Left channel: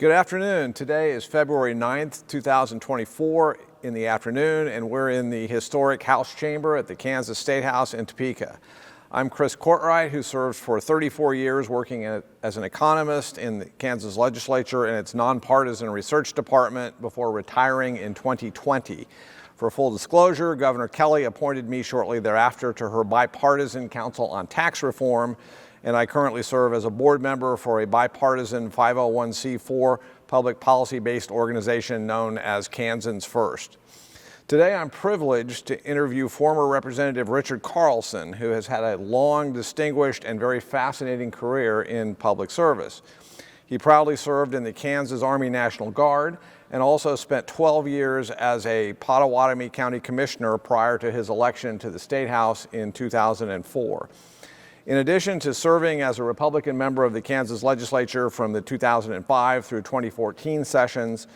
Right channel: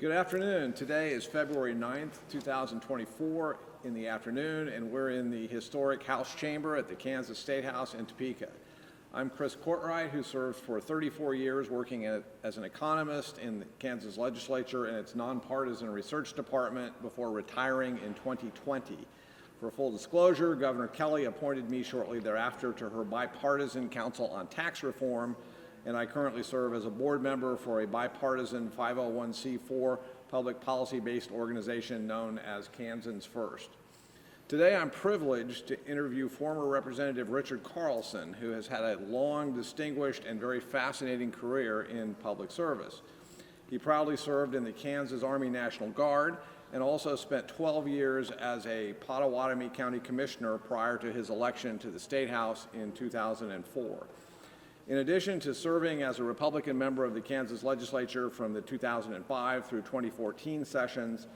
Good afternoon. Today is February 9th, 2024 in the afternoon, and we're in the historic House Chamber at the Kansas State House in Topeka. I'm Chris Courtwright, who served for 34 years working as an economist in the Kansas legislature and its nonpartisan research department before retiring in 2020. For full disclosure, Governor Kelly appointed me shortly thereafter to her bipartisan Council on Tax Reform, and I currently serve as a board member for a bipartisan 501c4 public policy-based organization known as Kansans First. Today I'm privileged to interview former Representative Richard Carlson, who has had a long, distinguished, and very fascinating career in public service. He proudly served in the Kansas Army National Guard and also spent 12 years as a Pottawatomie County Commissioner prior to his election to the State House in 2004. In addition to serving as a Republican member of the Kansas legislature from the 2005 through 2014 sessions,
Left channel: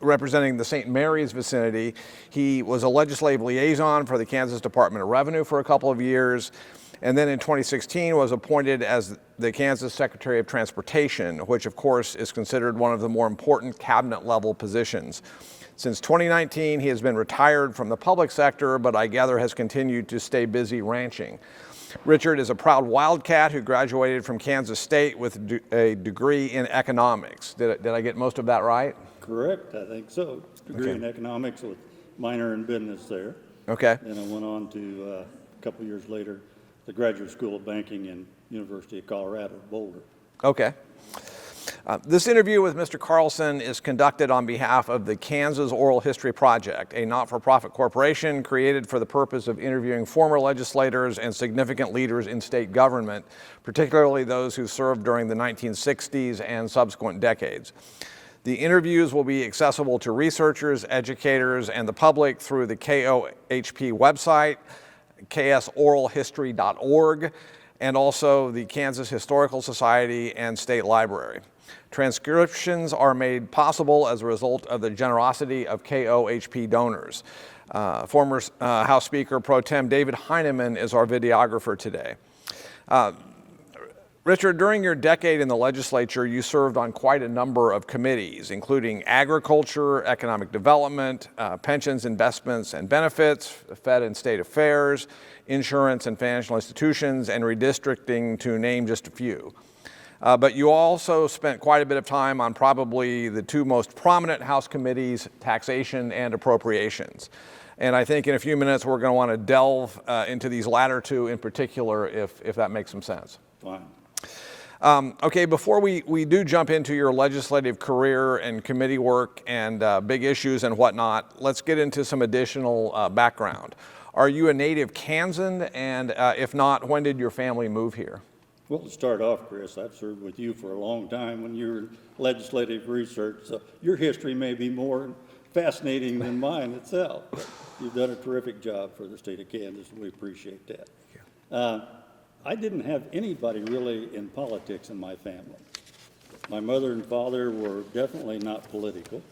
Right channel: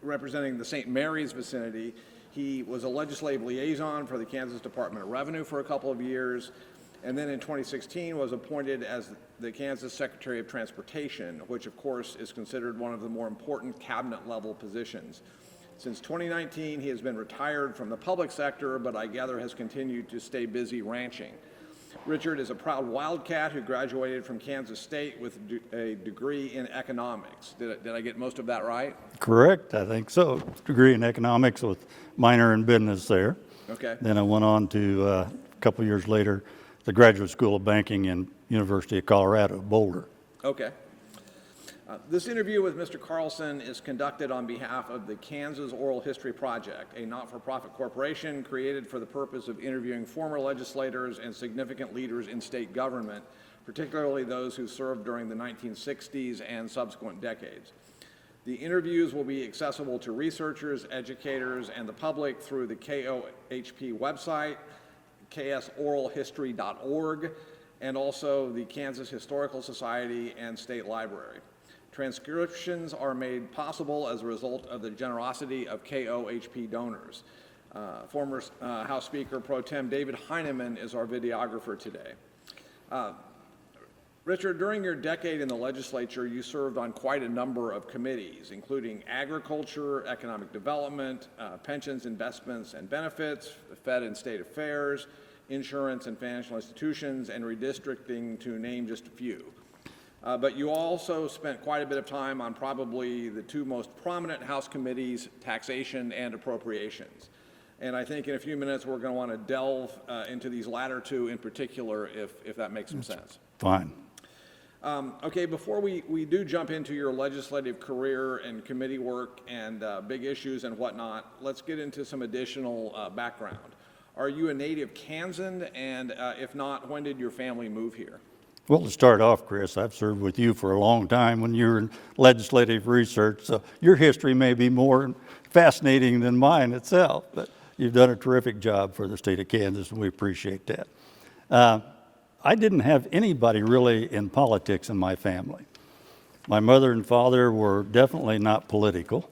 representing the St. Mary's vicinity, he was a legislative liaison for the Kansas Department of Revenue for a couple of years, and then in 2016 was appointed as the Kansas Secretary of Transportation, which of course is considered one of the more important cabinet level positions. Since 2019, he has been retired from the public sector, but I gather has continued to stay busy ranching. Richard is a proud Wildcat who graduated from Kansas State with a degree in economics. Did I get most of that right? Correct, I think so. Degree in economics with minor in business there. Okay. Then I went on to, a couple years later, the Graduate School of Banking in University of Colorado, Boulder. Okay. This interview with Mr. Carlson is conducted on behalf of the Kansas Oral History Project, a not-for-profit corporation created for the purpose of interviewing former legislators and significant leaders in state government, particularly those who served during the 1960s and subsequent decades. The interviews will be accessible to researchers, educators, and the public through the KOHP website, ksoralhistory.org, and also the Kansas Historical Society and State Library. Transcriptions are made possible as a result of the generosity of KOHP donors. Former House Speaker Pro Tem David Heineman is our videographer today. Richard, during your decade in the legislature, you served on quite a number of committees, including agriculture, economic development, pensions, investments, and benefits, Fed and state affairs, insurance and financial institutions, and redistricting, to name just a few. But you also spent quite a bit of time on probably the two most prominent House committees, taxation and appropriations. And I think in a few minutes we're going to want to delve into these latter two in particular, if that makes some sense. Fine. Okay, before we do jump into your legislative career and committee work and big issues and whatnot, let's get into some additional background. Are you a native Kansan? And if not, when did your family move here? Well, to start off, Chris, I've served with you for a long time when you were in legislative research, so your history may be more fascinating than mine itself, but you've done a terrific job for the state of Kansas, and we appreciate that. I didn't have anybody really in politics in my family. My mother and father were definitely not political.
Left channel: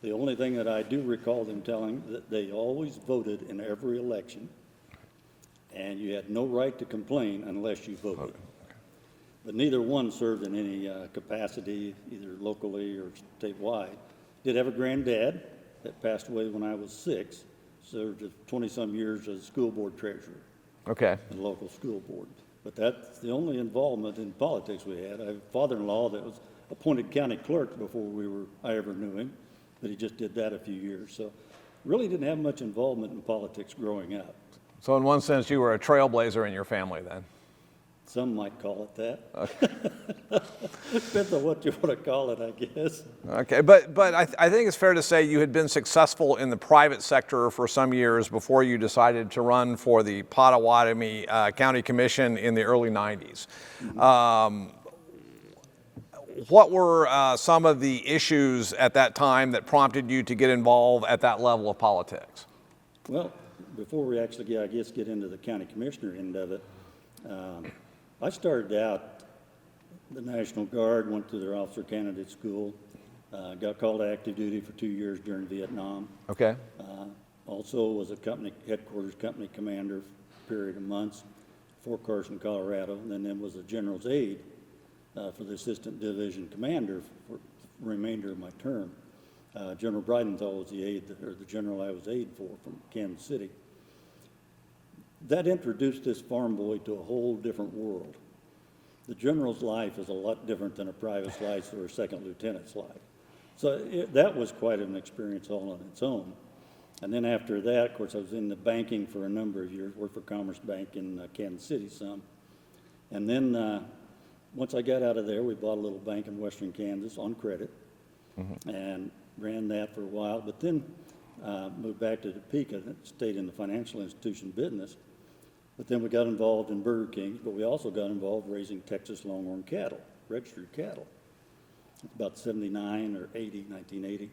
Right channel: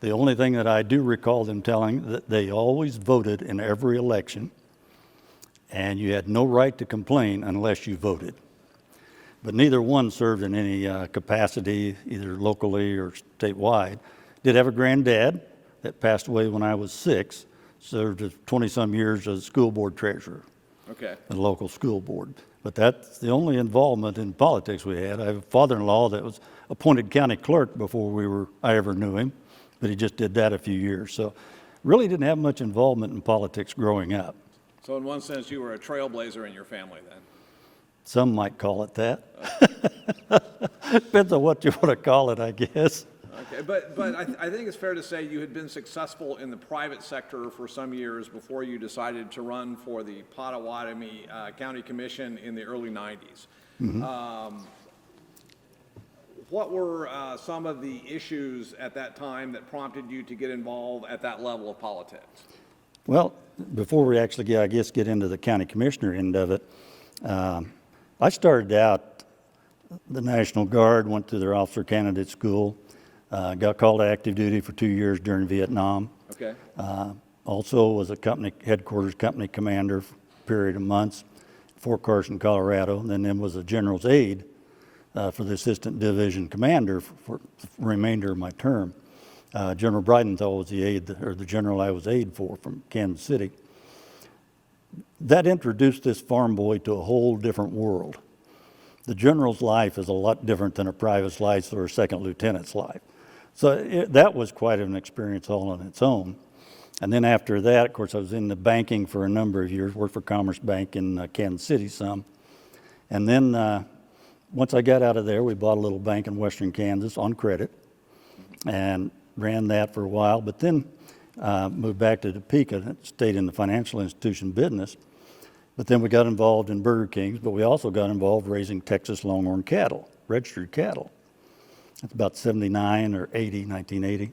The only thing that I do recall them telling, that they always voted in every election, and you had no right to complain unless you voted. But neither one served in any capacity, either locally or statewide. Did have a granddad that passed away when I was 6, served 20-some years as school board treasurer. Okay. The local school board. But that's the only involvement in politics we had. I have a father-in-law that was appointed county clerk before I ever knew him, but he just did that a few years. So really didn't have much involvement in politics growing up. So in one sense, you were a trailblazer in your family then? Some might call it that. Depends on what you want to call it, I guess. Okay, but I think it's fair to say you had been successful in the private sector for some years before you decided to run for the Pottawatomie County Commission in the early 90s. Mm-hmm. What were some of the issues at that time that prompted you to get involved at that level of politics? Well, before we actually get into the county commissioner end of it, I started out the National Guard, went to their officer candidate school, got called to active duty for 2 years during Vietnam. Okay. Also was a headquarters company commander for a period of months, Fort Carson, Colorado, and then was a general's aide for the assistant division commander for the remainder of my term. General Breidenthal was the aide, or the general I was aide for from Kansas City. That introduced this farm boy to a whole different world. The general's life is a lot different than a private's life or a second lieutenant's life. So that was quite an experience all on its own. And then after that, of course, I was in the banking for a number of years, worked for Commerce Bank in Kansas City some. And then once I got out of there, we bought a little bank in western Kansas on credit and ran that for a while, but then moved back to Topeka and stayed in the financial institution business. But then we got involved in Burger Kings, but we also got involved raising Texas longhorn cattle, registered cattle. That's about 79 or 80, 1980.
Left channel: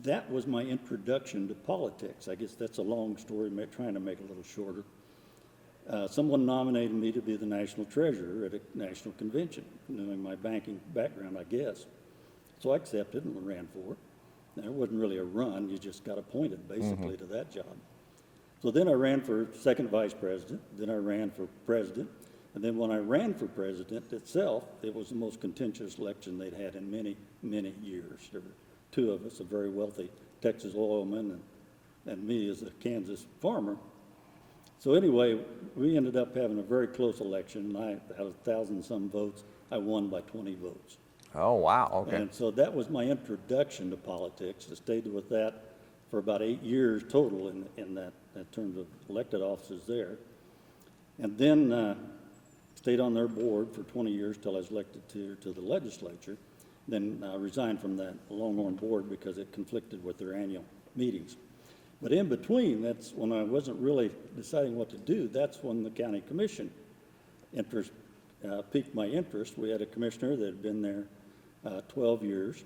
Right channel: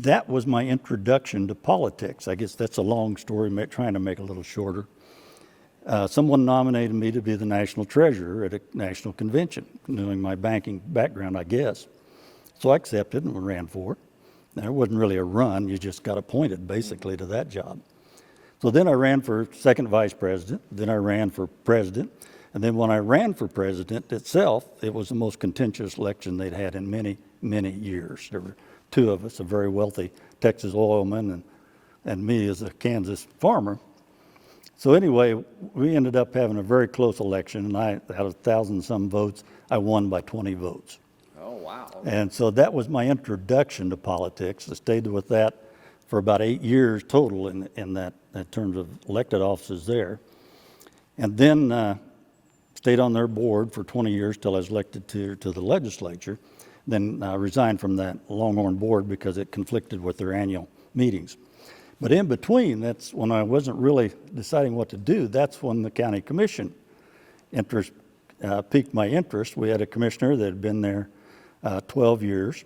That was my introduction to politics. I guess that's a long story, trying to make it a little shorter. Someone nominated me to be the national treasurer at a national convention, knowing my banking background, I guess. So I accepted and ran for it. Now, it wasn't really a run, you just got appointed basically to that job. So then I ran for second vice president, then I ran for president, and then when I ran for president itself, it was the most contentious election they'd had in many, many years. There were two of us, a very wealthy Texas oilman and me as a Kansas farmer. So anyway, we ended up having a very close election, and out of 1,000-some votes, I won by 20 votes. Oh, wow. Okay. And so that was my introduction to politics. I stayed with that for about 8 years total in terms of elected offices there. And then stayed on their board for 20 years till I was elected to the legislature. Then resigned from that Longhorn board because it conflicted with their annual meetings. But in between, that's when I wasn't really deciding what to do. That's when the county commission interest piqued my interest. We had a commissioner that had been there 12 years.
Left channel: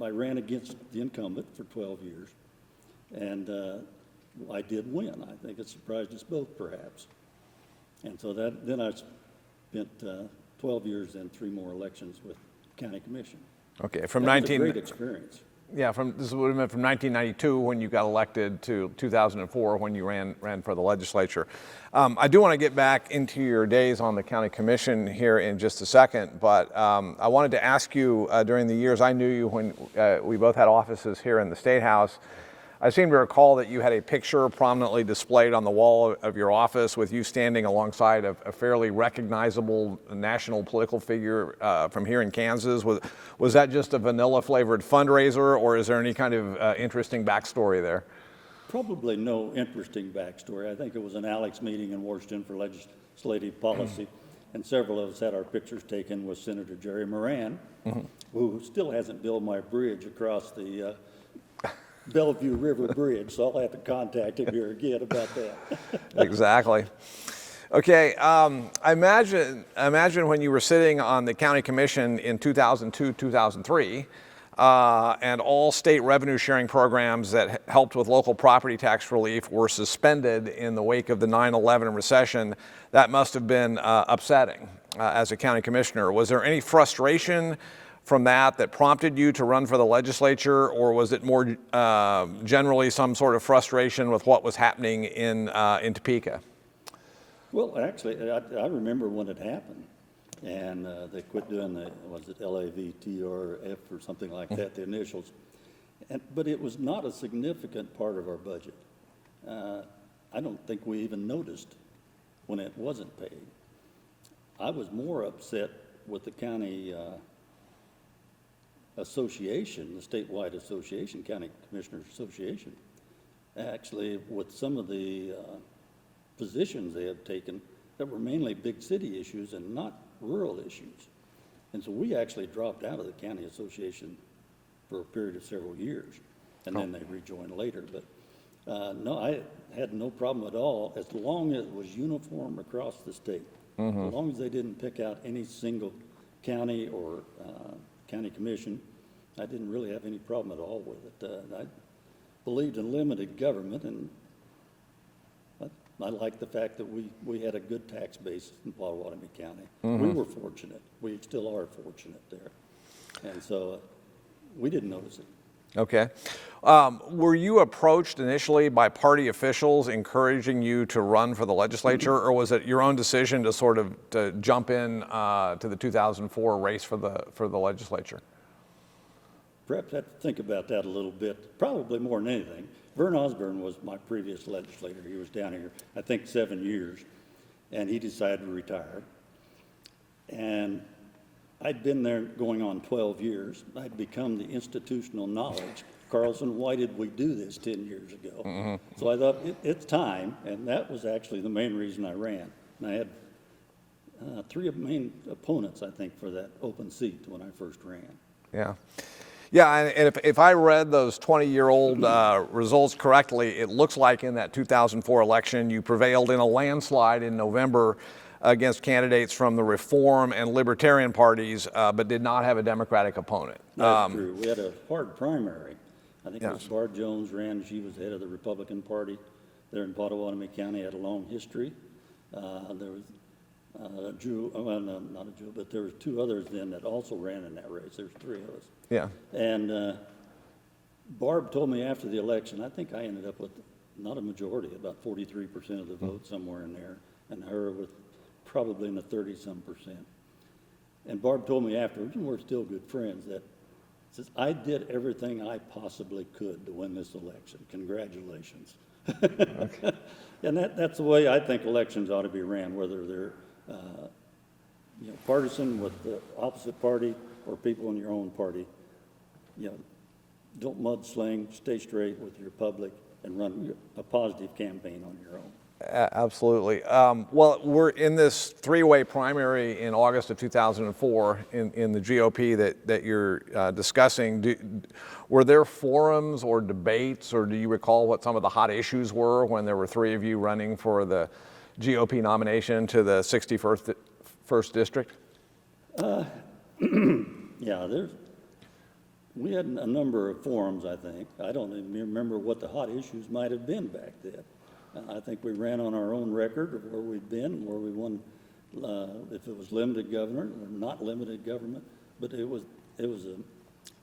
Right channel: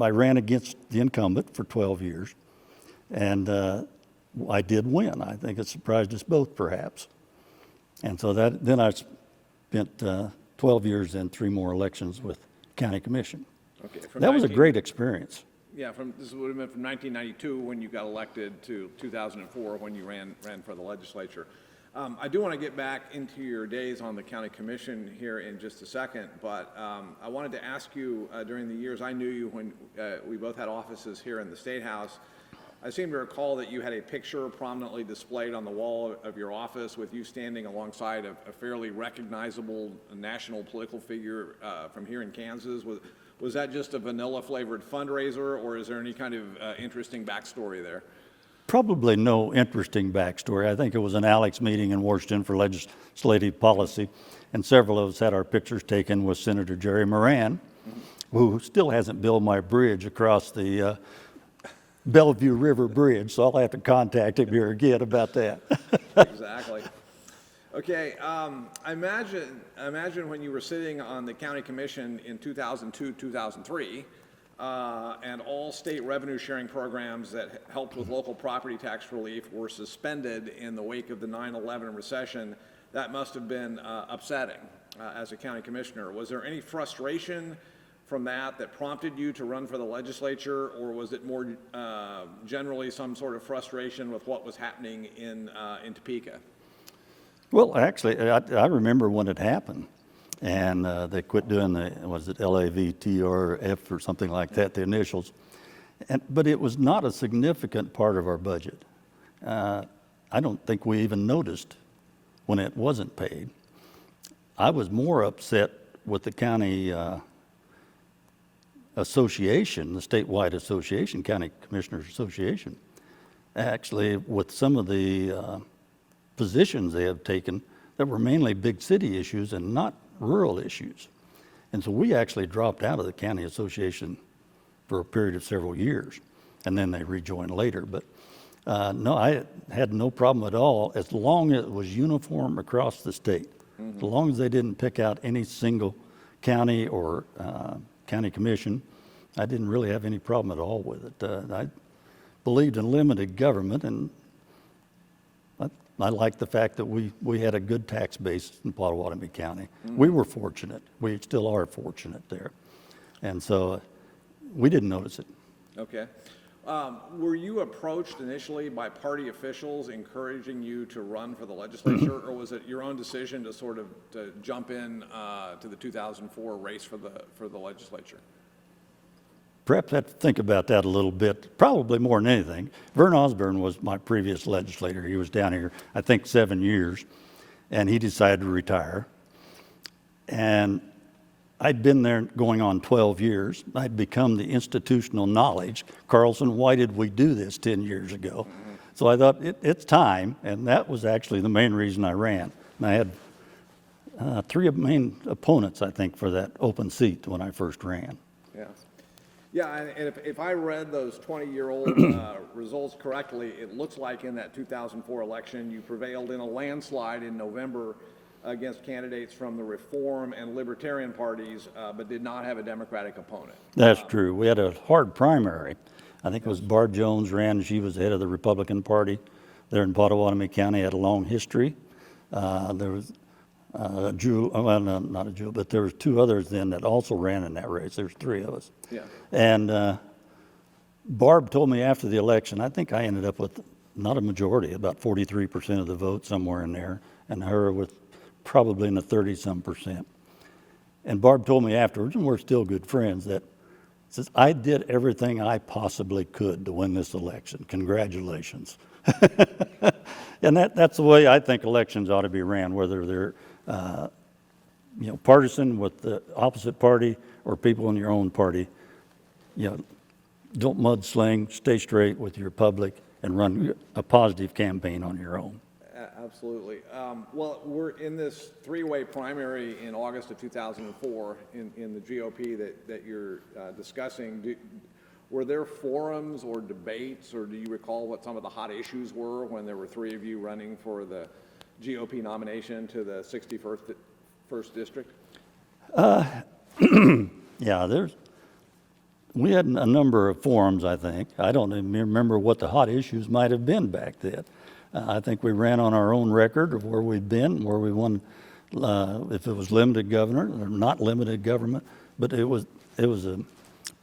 I ran against the incumbent for 12 years, and I did win. I think it surprised us both, perhaps. And so then I spent 12 years and 3 more elections with county commission. Okay, That was a great experience. Yeah, this would have been from 1992 when you got elected to 2004 when you ran for the legislature. I do want to get back into your days on the county commission here in just a second, but I wanted to ask you during the years I knew you when we both had offices here in the State House. I seem to recall that you had a picture prominently displayed on the wall of your office with you standing alongside a fairly recognizable national political figure from here in Kansas. Was that just a vanilla flavored fundraiser, or is there any kind of interesting backstory there? Probably no interesting backstory. I think it was an Alex meeting in Washington for legislative policy, and several of us had our pictures taken with Senator Jerry Moran, who still hasn't built my bridge across the Bellevue River Bridge, so I'll have to contact him here again about that. Exactly. Okay, I imagine when you were sitting on the county commission in 2002, 2003, and all state revenue sharing programs that helped with local property tax relief were suspended in the wake of the 9/11 recession, that must have been upsetting as a county commissioner. Was there any frustration from that prompted you to run for the legislature, or was it more generally some sort of frustration with what was happening in Topeka? Well, actually, I remember when it happened, and they quit doing was it LAVTRF or something like that, the initials. But it was not a significant part of our budget. I don't think we even noticed when it wasn't paid. I was more upset with the county association, the statewide association, County Commissioners Association, actually with some of the positions they have taken that were mainly big city issues and not rural issues. And so we actually dropped out of the county association for a period of several years, and then they rejoined later. But no, I had no problem at all as long as it was uniform across the state. As long as they didn't pick out any single county or county commission, I didn't really have any problem at all with it. I believed in limited government, and I liked the fact that we had a good tax base in Pottawatomie County. We were fortunate. We still are fortunate there. And so we didn't notice it. Okay. Were you approached initially by party officials encouraging you to run for the legislature, or was it your own decision to sort of to jump in to the 2004 race for the legislature? Perhaps I have to think about that a little bit, probably more than anything. Vern Osborne was my previous legislator. He was down here, I think, 7 years, and he decided to retire. And I'd been there going on 12 years. I'd become the institutional knowledge. Carlson, why did we do this 10 years ago? Mm-hmm. So I thought, it's time, and that was actually the main reason I ran. And I had three main opponents, I think, for that open seat when I first ran. Yeah. Yeah, and if I read those 20-year-old results correctly, it looks like in that 2004 election you prevailed in a landslide in November against candidates from the Reform and Libertarian parties, but did not have a Democratic opponent. That's true. We had a hard primary. I think it was Barb Jones ran. She was the head of the Republican Party there in Pottawatomie County, had a long history. There was Jewel, well, no, not a Jewel, but there was two others then that also ran in that race. There's three of us. Yeah. And Barb told me after the election, I think I ended up with not a majority, about 43% of the vote, somewhere in there, and her with probably in the 30-some%. And Barb told me afterwards, and we're still good friends, that says, I did everything I possibly could to win this election. Congratulations. And that's the way I think elections ought to be ran, whether they're partisan with the opposite party or people in your own party. Don't mudsling, stay straight with your public, and run a positive campaign on your own. Absolutely. Well, we're in this three-way primary in August of 2004 in the GOP that you're discussing. Were there forums or debates, or do you recall what some of the hot issues were when there were three of you running for the GOP nomination to the 61st District? Yeah, we had a number of forums, I think. I don't even remember what the hot issues might have been back then. I think we ran on our own record of where we'd been, where we won, if it was limited government or not limited government, but it was a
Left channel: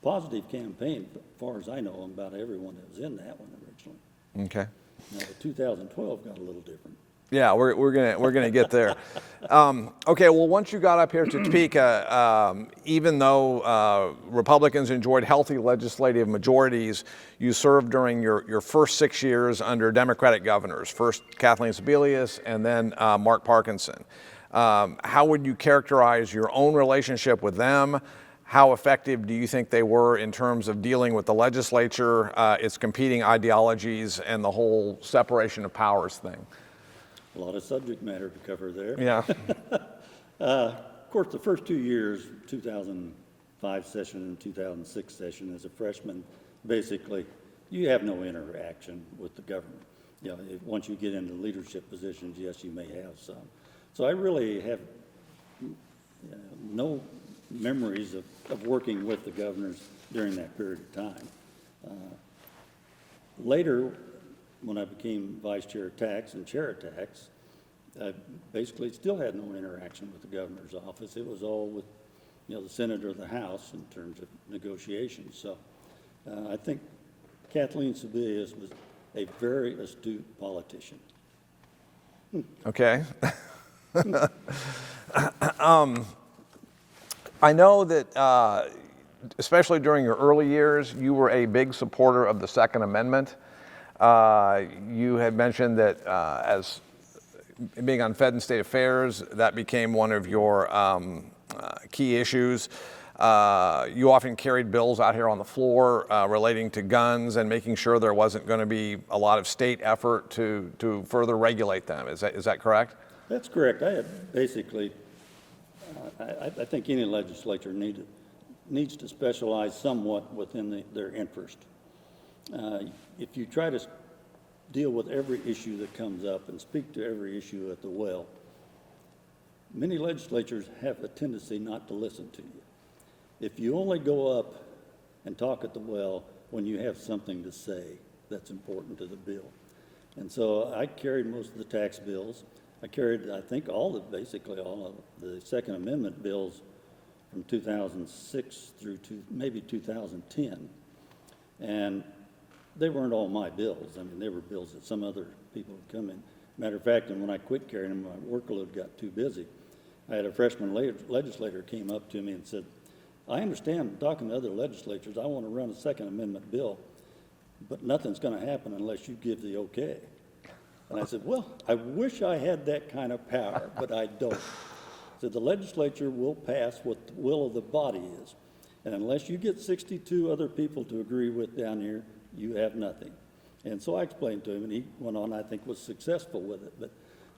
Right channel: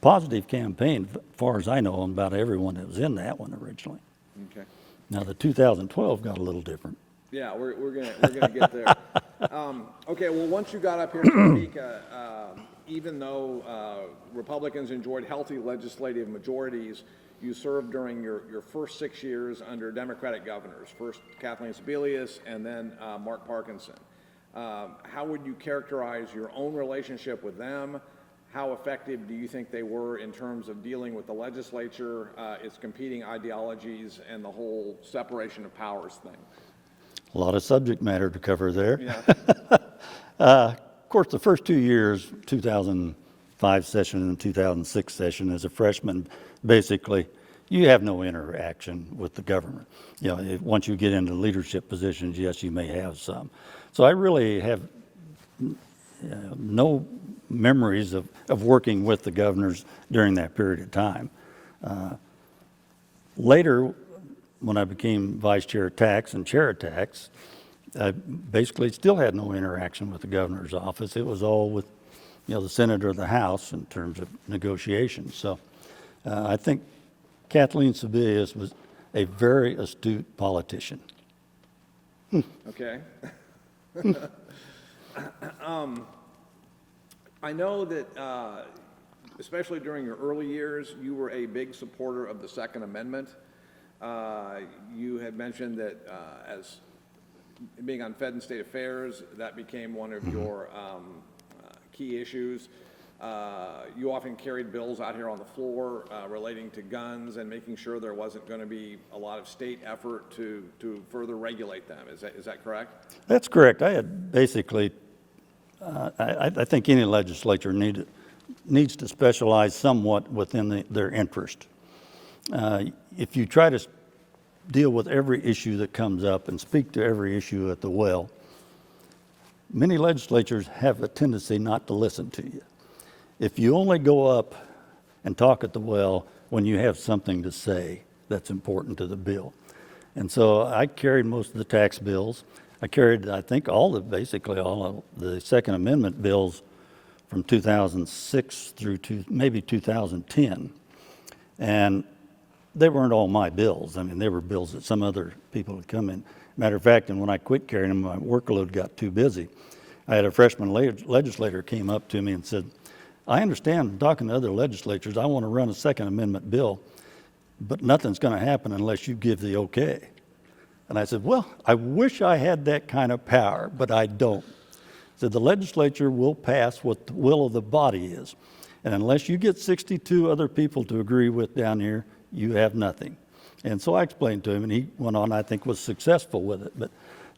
positive campaign, as far as I know, about everyone that was in that one originally. Okay. Now the 2012 got a little different. Yeah, we're gonna get there. Okay, well, once you got up here to Topeka, even though Republicans enjoyed healthy legislative majorities, you served during your first 6 years under Democratic governors, first Kathleen Sebelius and then Mark Parkinson. How would you characterize your own relationship with them? How effective do you think they were in terms of dealing with the legislature, its competing ideologies, and the whole separation of powers thing? A lot of subject matter to cover there. Yeah. Of course, the first 2 years, 2005 session and 2006 session, as a freshman, basically, you have no interaction with the government. Once you get into leadership positions, yes, you may have some. So I really have no memories of working with the governors during that period of time. Later, when I became vice chair of tax and chair of tax, I basically still had no interaction with the governor's office. It was all with, the senator of the House in terms of negotiations. So I think Kathleen Sebelius was a very astute politician. Okay. I know that, especially during your early years, you were a big supporter of the Second Amendment. You had mentioned that as being on Fed and State Affairs, that became one of your key issues. You often carried bills out here on the floor relating to guns and making sure there wasn't going to be a lot of state effort to further regulate them. Is that correct? That's correct. I had basically, I think any legislature needs to specialize somewhat within their interest. If you try to deal with every issue that comes up and speak to every issue at the well, many legislatures have a tendency not to listen to you. If you only go up and talk at the well when you have something to say that's important to the bill. And so I carried most of the tax bills. I carried, I think, basically all of the Second Amendment bills from 2006 through to maybe 2010. And they weren't all my bills. I mean, they were bills that some other people had come in. Matter of fact, and when I quit carrying them, my workload got too busy. I had a freshman legislator came up to me and said, I understand, talking to other legislatures, I want to run a Second Amendment bill, but nothing's going to happen unless you give the okay. And I said, well, I wish I had that kind of power, but I don't. I said, the legislature will pass what the will of the body is. And unless you get 62 other people to agree with down here, you have nothing. And so I explained to him, and he went on, I think, was successful with it. But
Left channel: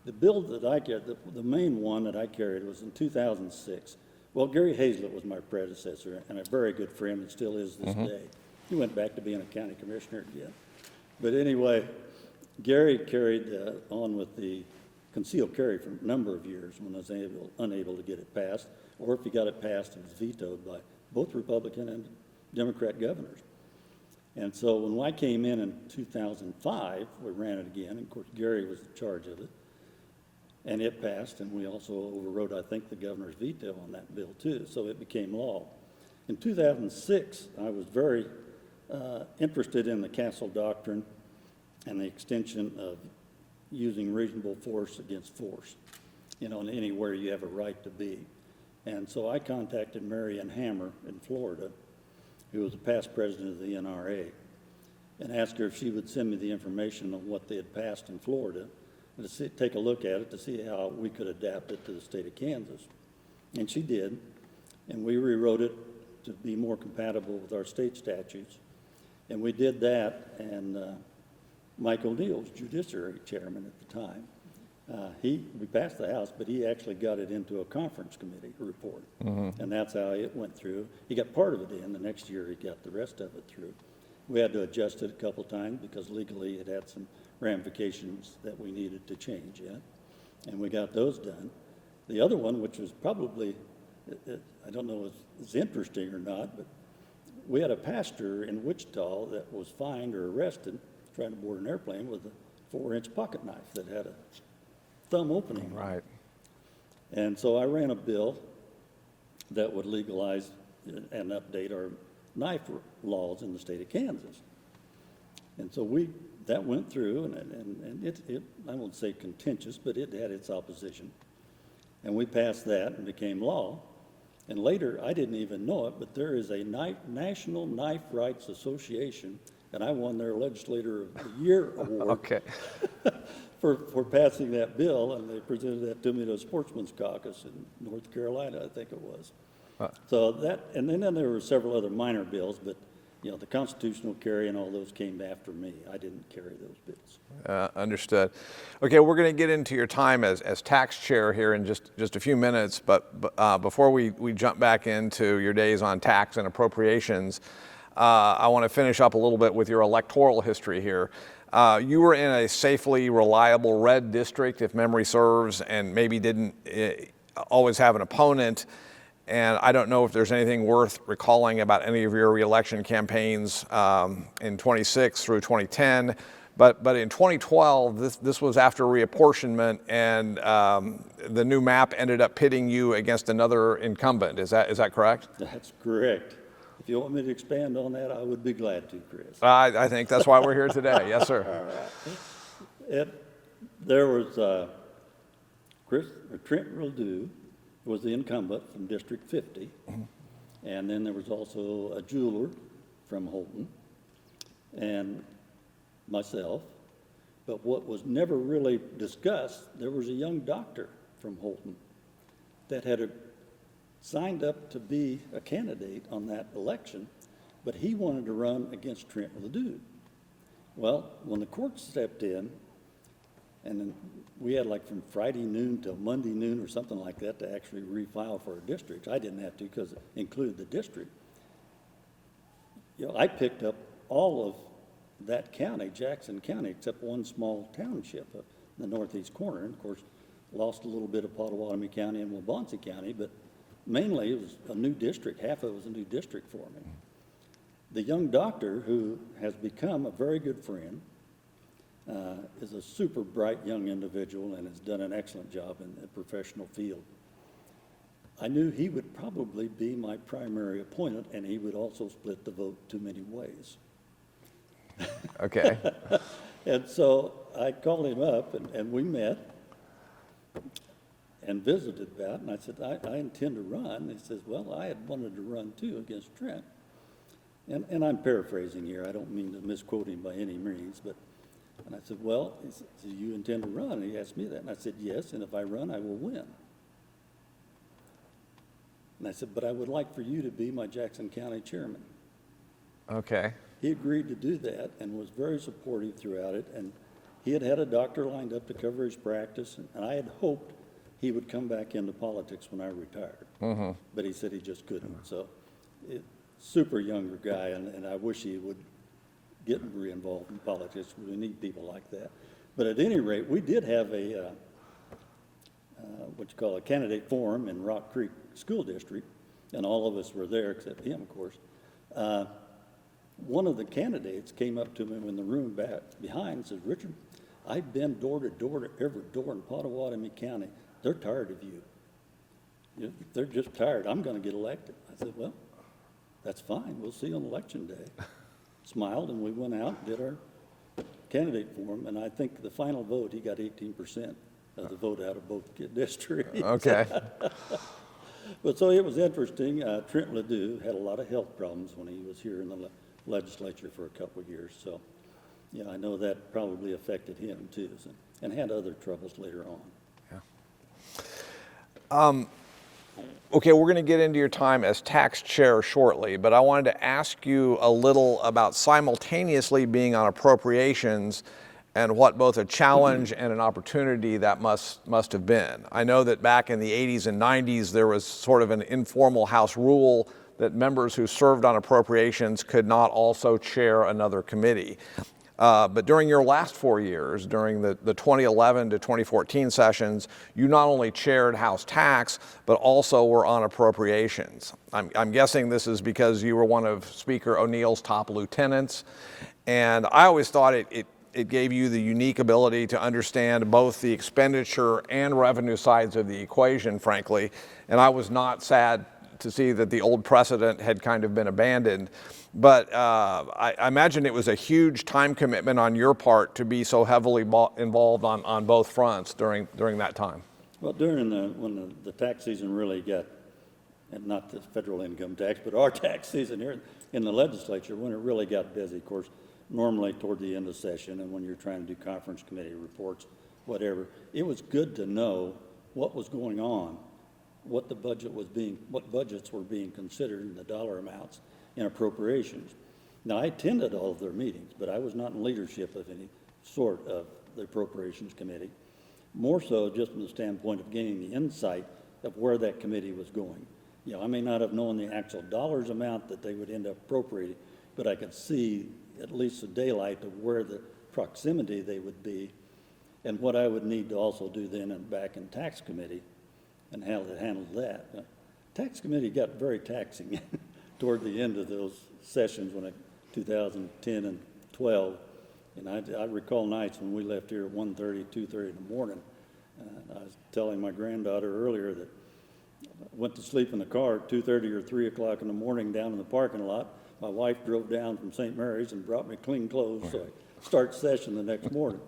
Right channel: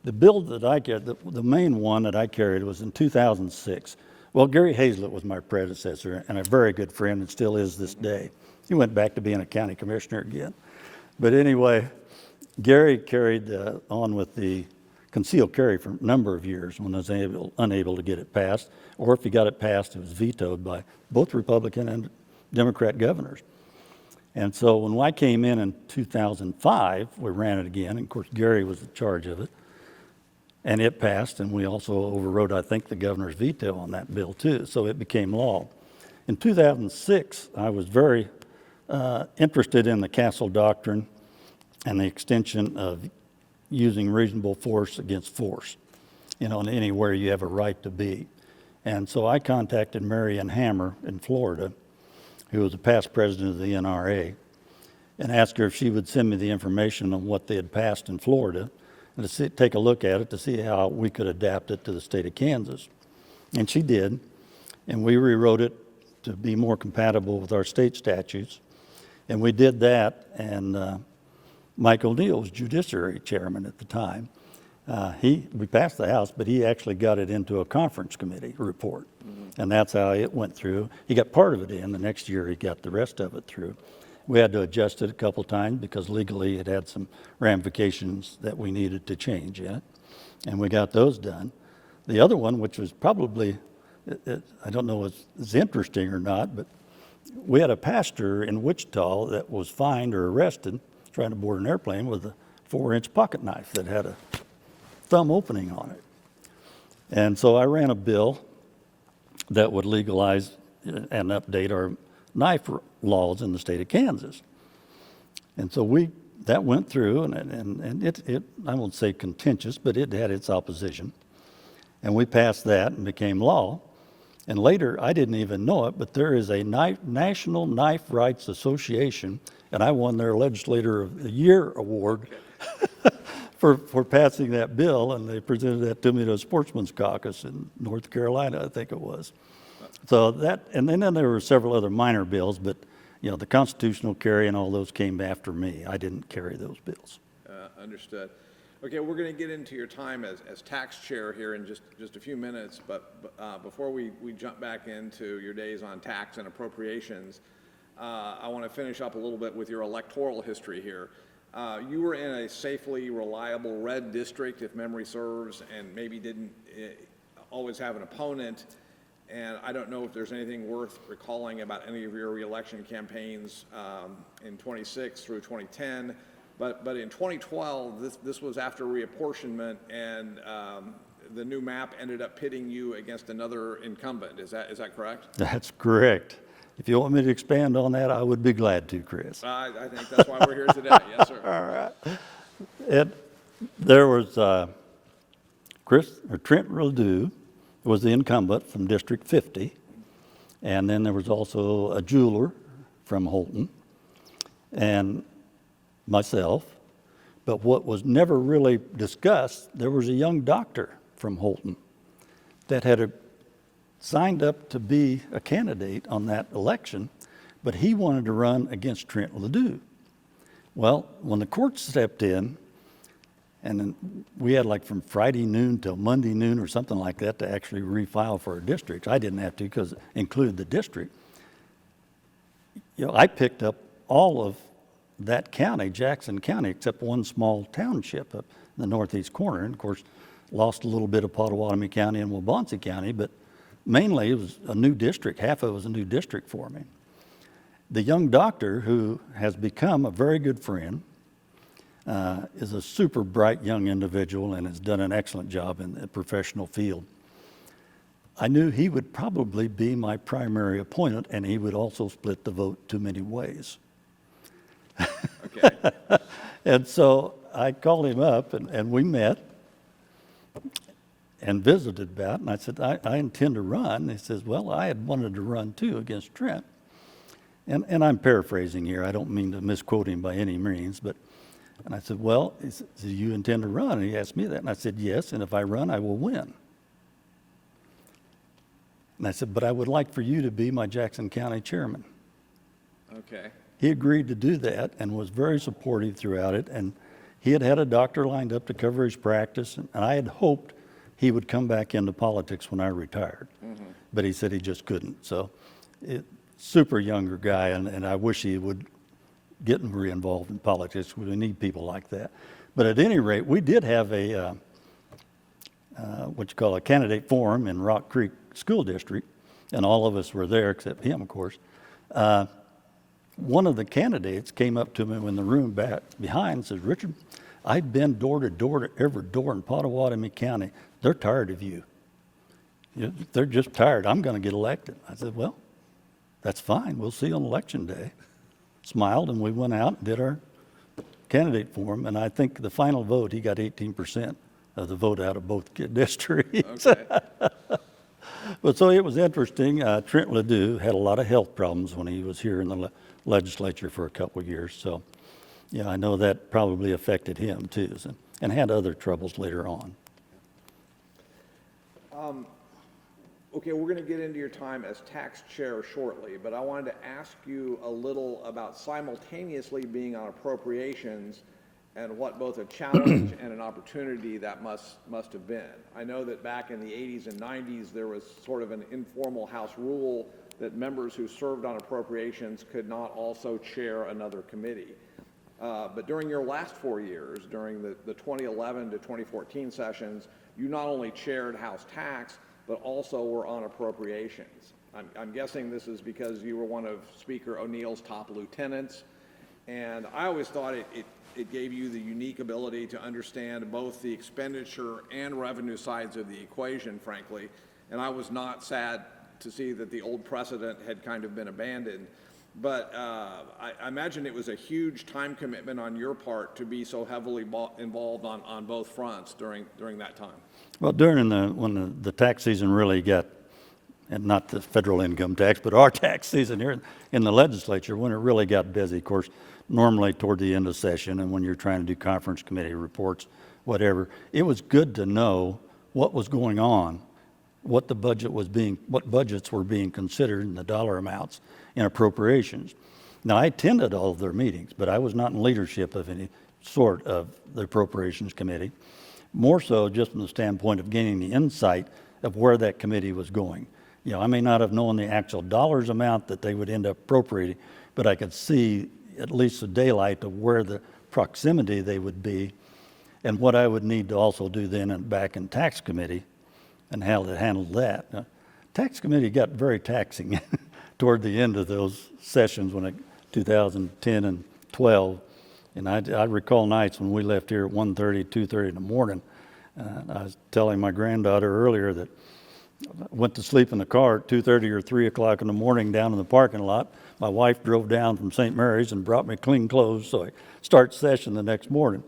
the bill that I carried, the main one that I carried was in 2006. Well, Gary Hazlett was my predecessor and a very good friend and still is this day. He went back to being a county commissioner again. But anyway, Gary carried on with the concealed carry for a number of years when I was unable to get it passed, or if he got it passed, it was vetoed by both Republican and Democrat governors. And so when I came in 2005, we ran it again, and of course Gary was in charge of it, and it passed, and we also overrode, I think, the governor's veto on that bill too, so it became law. In 2006, I was very interested in the Castle Doctrine and the extension of using reasonable force against force, you know, anywhere you have a right to be. And so I contacted Mary Ann Hammer in Florida, who was a past president of the NRA, and asked her if she would send me the information on what they had passed in Florida and to take a look at it to see how we could adapt it to the state of Kansas. And she did, and we rewrote it to be more compatible with our state statutes. And we did that, and Mike O'Neill was judiciary chairman at the time. We passed the House, but he actually got it into a conference committee report. And that's how it went through. He got part of it in. The next year, he got the rest of it through. We had to adjust it a couple times because legally it had some ramifications that we needed to change in it. And we got those done. The other one, which was probably, I don't know if it's interesting or not, but we had a pastor in Wichita that was fined or arrested trying to board an airplane with a 4-inch pocket knife that had a thumb opening on it. And so I ran a bill that would legalize and update our knife laws in the state of Kansas. And so that went through, and it I won't say contentious, but it had its opposition. And we passed that and became law. And later, I didn't even know it, but there is a National Knife Rights Association, and I won their Legislator of the Year award for passing that bill, and they presented that to me to a sportsman's caucus in North Carolina, I think it was. So that, and then there were several other minor bills, but you know, the constitutional carry and all those came after me. I didn't carry those bills. Understood. Okay, we're going to get into your time as tax chair here in just a few minutes, but before we jump back into your days on tax and appropriations, I want to finish up a little bit with your electoral history here. You were in a safely reliable red district, if memory serves, and maybe didn't always have an opponent. And I don't know if there's anything worth recalling about any of your reelection campaigns in 26 through 2010. But in 2012, this was after reapportionment, and the new map ended up pitting you against another incumbent. Is that correct? That's correct. If you want me to expand on that, I would be glad to, Chris. I think that's why we're here today. Yes, sir. All right. There was Trent Ledoux was the incumbent from District 50, and then there was also a jeweler from Holton, and myself. But what was never really discussed, there was a young doctor from Holton that had signed up to be a candidate on that election, but he wanted to run against Trent Ledoux. Well, when the court stepped in, and then we had like from Friday noon till Monday noon or something like that to actually refile for a district. I didn't have to because it included the district. You know, I picked up all of that county, Jackson County, except one small township up in the northeast corner. And of course, lost a little bit of Pottawatomie County and Waubonsee County, but mainly it was a new district. Half of it was a new district for me. The young doctor, who has become a very good friend, is a super bright young individual and has done an excellent job in the professional field. I knew he would probably be my primary opponent, and he would also split the vote too many ways. Okay. And so I called him up and we met and visited about, and I said, I intend to run. And he says, well, I had wanted to run too against Trent. And I'm paraphrasing here. I don't mean to misquote him by any means, but, and I said, well, he said, do you intend to run? And he asked me that, and I said, yes, and if I run, I will win. And I said, but I would like for you to be my Jackson County chairman. Okay. He agreed to do that and was very supportive throughout it, and he had had a doctor lined up to cover his practice, and I had hoped he would come back into politics when I retired. Mm-hmm. But he said he just couldn't. So, super younger guy, and I wish he would get more involved in politics. We need people like that. But at any rate, we did have a what you call a candidate forum in Rock Creek School District, and all of us were there except him, of course. One of the candidates came up to me in the room back behind and says, Richard, I've been door to door to every door in Pottawatomie County. They're tired of you. They're just tired. I'm going to get elected. I said, well, that's fine. We'll see on election day. Smiled, and we went out and did our candidate forum, and I think the final vote, he got 18% of the vote out of both districts. Okay. But so it was interesting. Trent Ledoux had a lot of health problems when he was here in the legislature for a couple of years. So, yeah, I know that probably affected him too, and had other troubles later on. Yeah. Okay, we're going to get into your time as tax chair shortly, but I wanted to ask you a little about simultaneously being on appropriations and what both a challenge and an opportunity that must have been. I know that back in the 80s and 90s, there was sort of an informal House rule that members who served on appropriations could not also chair another committee. But during your last 4 years, during the 2011 to 2014 sessions, you not only chaired House Tax, but also were on appropriations. I'm guessing this is because you were one of Speaker O'Neill's top lieutenants. And I always thought it gave you the unique ability to understand both the expenditure and revenue sides of the equation, frankly. And I was not sad to see that the old precedent had kind of been abandoned. But I imagine it was a huge time commitment on your part to be so heavily involved on both fronts during that time. Well, when the tax season really got, and not the federal income tax, but our tax season here in the legislature, when it really got busy, of course, normally toward the end of session and when you're trying to do conference committee reports, whatever, it was good to know what was going on, what budgets were being considered and the dollar amounts in appropriations. Now, I attended all of their meetings, but I was not in leadership of any sort of the Appropriations Committee, more so just from the standpoint of gaining the insight of where that committee was going. You know, I may not have known the actual dollars amount that they would end up appropriating, but I could see at least the daylight of where the proximity they would be and what I would need to also do then back in Tax Committee and how to handle that. Now, Tax Committee got very taxing toward the end of those sessions 2010 and 12. And I recall nights when we left here at 1:30, 2:30 in the morning. I was telling my granddaughter earlier that I went to sleep in the car at 2:30 or 3 o'clock in the morning down in the parking lot. My wife drove down from St. Mary's and brought me clean clothes so I start session the next morning.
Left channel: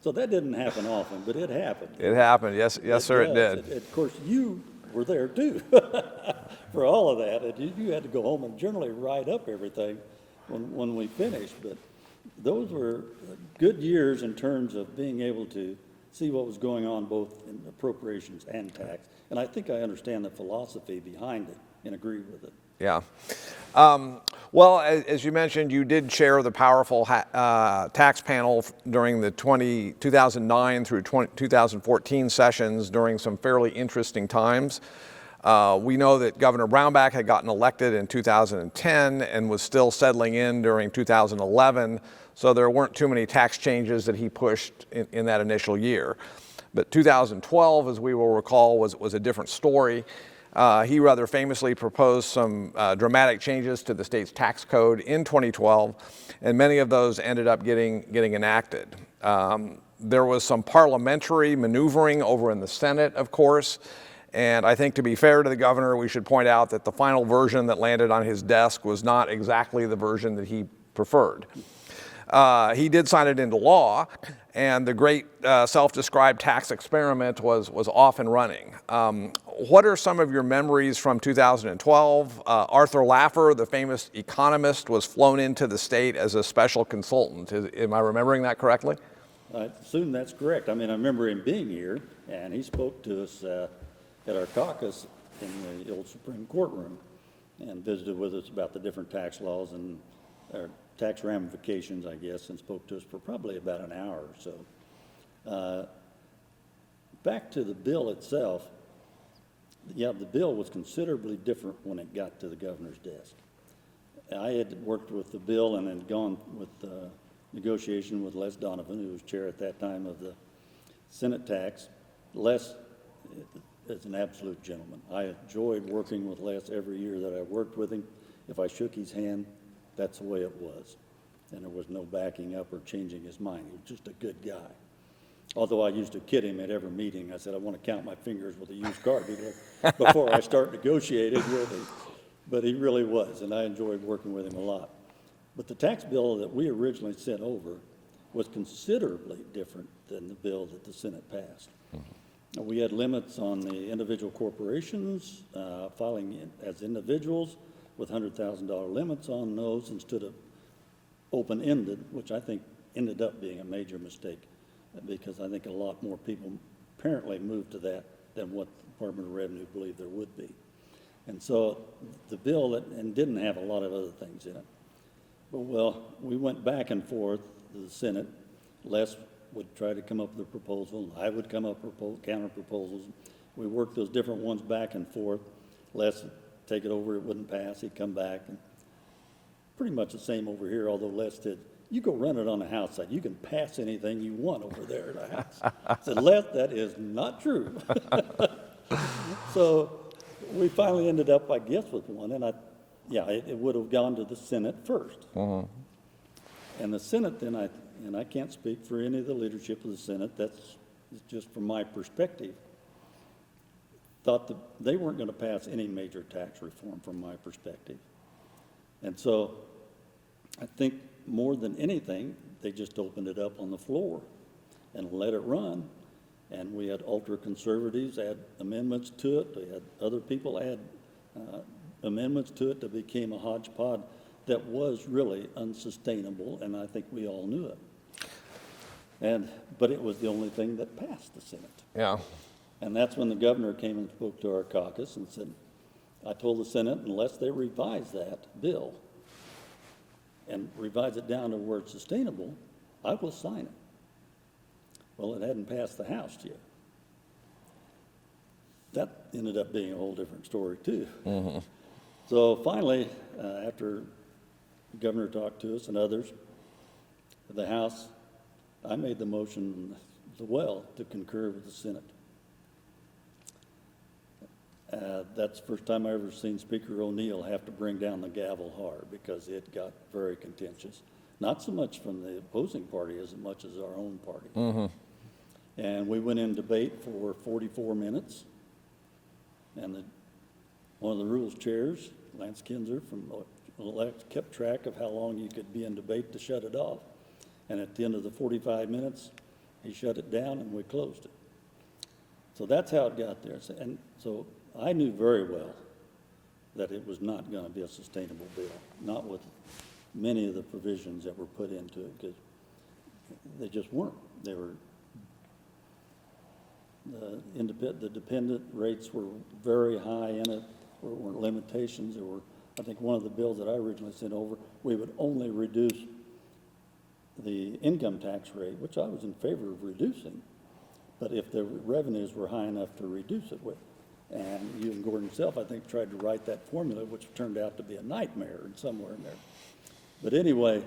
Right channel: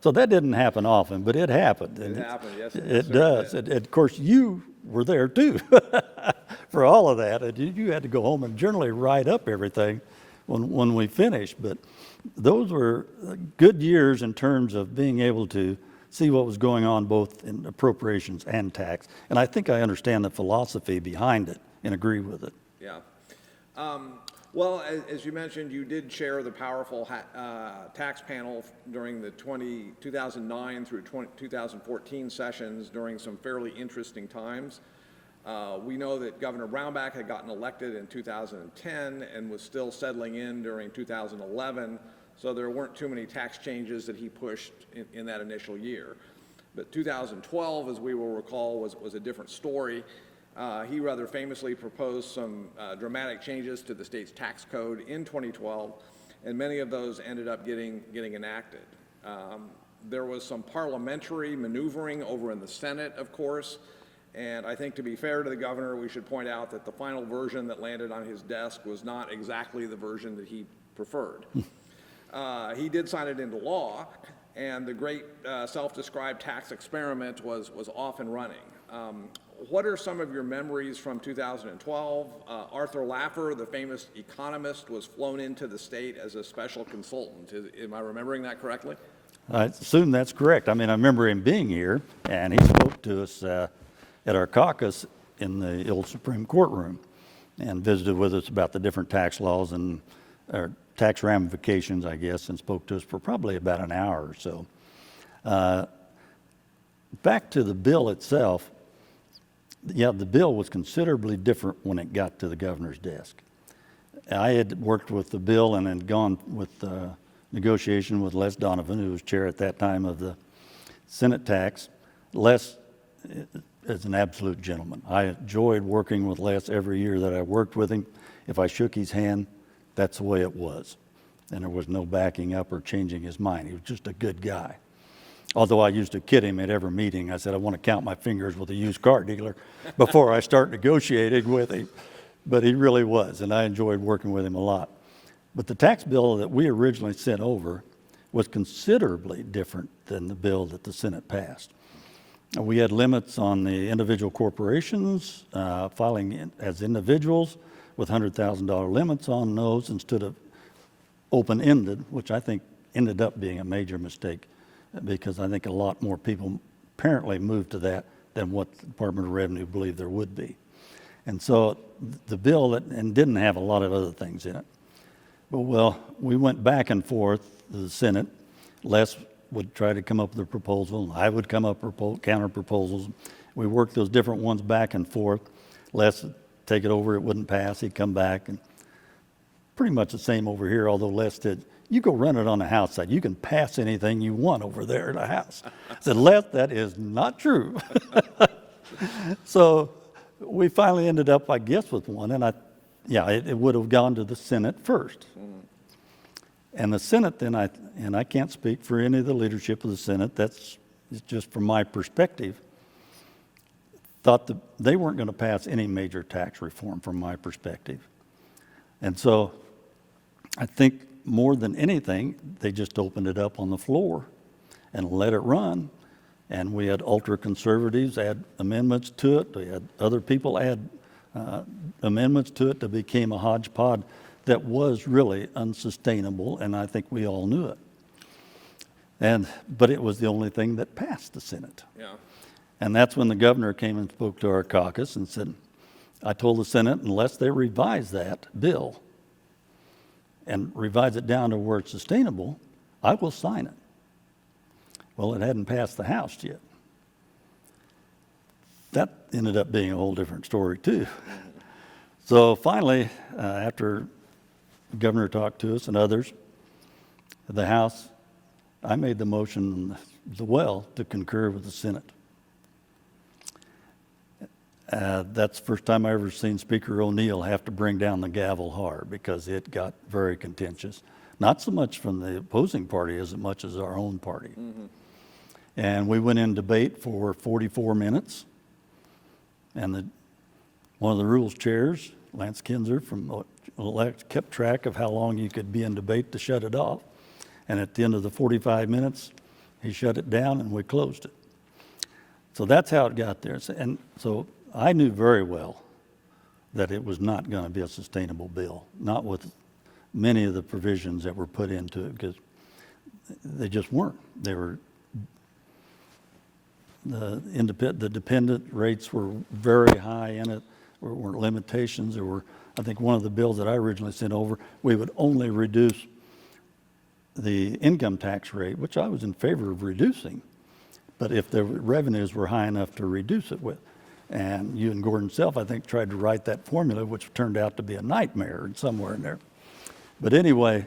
So that didn't happen often, but it happened. It happened, yes sir, it did. And of course, you were there too for all of that. And you had to go home and generally write up everything when we finished. But those were good years in terms of being able to see what was going on both in appropriations and tax. And I think I understand the philosophy behind it and agree with it. Yeah. Well, as you mentioned, you did chair the powerful tax panel during the 2009 through 2014 sessions during some fairly interesting times. We know that Governor Brownback had gotten elected in 2010 and was still settling in during 2011, so there weren't too many tax changes that he pushed in that initial year. But 2012, as we will recall, was a different story. He rather famously proposed some dramatic changes to the state's tax code in 2012, and many of those ended up getting enacted. There was some parliamentary maneuvering over in the Senate, of course, and I think to be fair to the governor, we should point out that the final version that landed on his desk was not exactly the version that he preferred. He did sign it into law, and the great self-described tax experiment was off and running. What are some of your memories from 2012? Arthur Laffer, the famous economist, was flown into the state as a special consultant. Am I remembering that correctly? I assume that's correct. I mean, I remember him being here, and he spoke to us at our caucus in the old Supreme Court room and visited with us about the different tax laws and or tax ramifications, I guess, and spoke to us for probably about an hour or so. Back to the bill itself, yeah, the bill was considerably different when it got to the governor's desk. I had worked with the bill and had gone with negotiation with Les Donovan, who was chair at that time of the Senate tax. Les is an absolute gentleman. I enjoyed working with Les every year that I worked with him. If I shook his hand, that's the way it was. And there was no backing up or changing his mind. He was just a good guy. Although I used to kid him at every meeting. I said, I want to count my fingers with a used car dealer before I start negotiating with him. But he really was, and I enjoyed working with him a lot. But the tax bill that we originally sent over was considerably different than the bill that the Senate passed. We had limits on the individual corporations filing as individuals with $100,000 limits on those instead of open-ended, which I think ended up being a major mistake because I think a lot more people apparently moved to that than what the Department of Revenue believed there would be. And so the bill and didn't have a lot of other things in it. Well, we went back and forth to the Senate. Les would try to come up with a proposal. I would come up with counter proposals. We worked those different ones back and forth. Les would take it over, it wouldn't pass. He'd come back. And pretty much the same over here, although Les said, you go run it on the House side. You can pass anything you want over there in the House. I said, Les, that is not true. So we finally ended up, I guess, with one. And it would have gone to the Senate first. And the Senate then, I can't speak for any of the leadership of the Senate, that's just from my perspective, thought that they weren't going to pass any major tax reform from my perspective. And so I think more than anything, they just opened it up on the floor and let it run. And we had ultra-conservatives add amendments to it. We had other people add amendments to it that became a hodgepodge that was really unsustainable, and I think we all knew it. But it was the only thing that passed the Senate. Yeah. And that's when the governor came and spoke to our caucus and said, I told the Senate, unless they revise that bill and revise it down to where it's sustainable, I will sign it. Well, it hadn't passed the House yet. That ended up being a whole different story, too. So finally, after the governor talked to us and others, the House, I made the motion as well to concur with the Senate. That's the first time I ever seen Speaker O'Neill have to bring down the gavel hard because it got very contentious. Not so much from the opposing party as much as our own party. And we went in debate for 44 minutes. And one of the rules chairs, Lance Kinzer from elect, kept track of how long you could be in debate to shut it off. And at the end of the 45 minutes, he shut it down and we closed it. So that's how it got there. And so I knew very well that it was not going to be a sustainable bill, not with many of the provisions that were put into it, because they just weren't. They were, the dependent rates were very high in it. There were limitations. There were, I think one of the bills that I originally sent over, we would only reduce the income tax rate, which I was in favor of reducing, but if the revenues were high enough to reduce it with. And you and Gordon Self, I think, tried to write that formula, which turned out to be a nightmare somewhere in there. But anyway,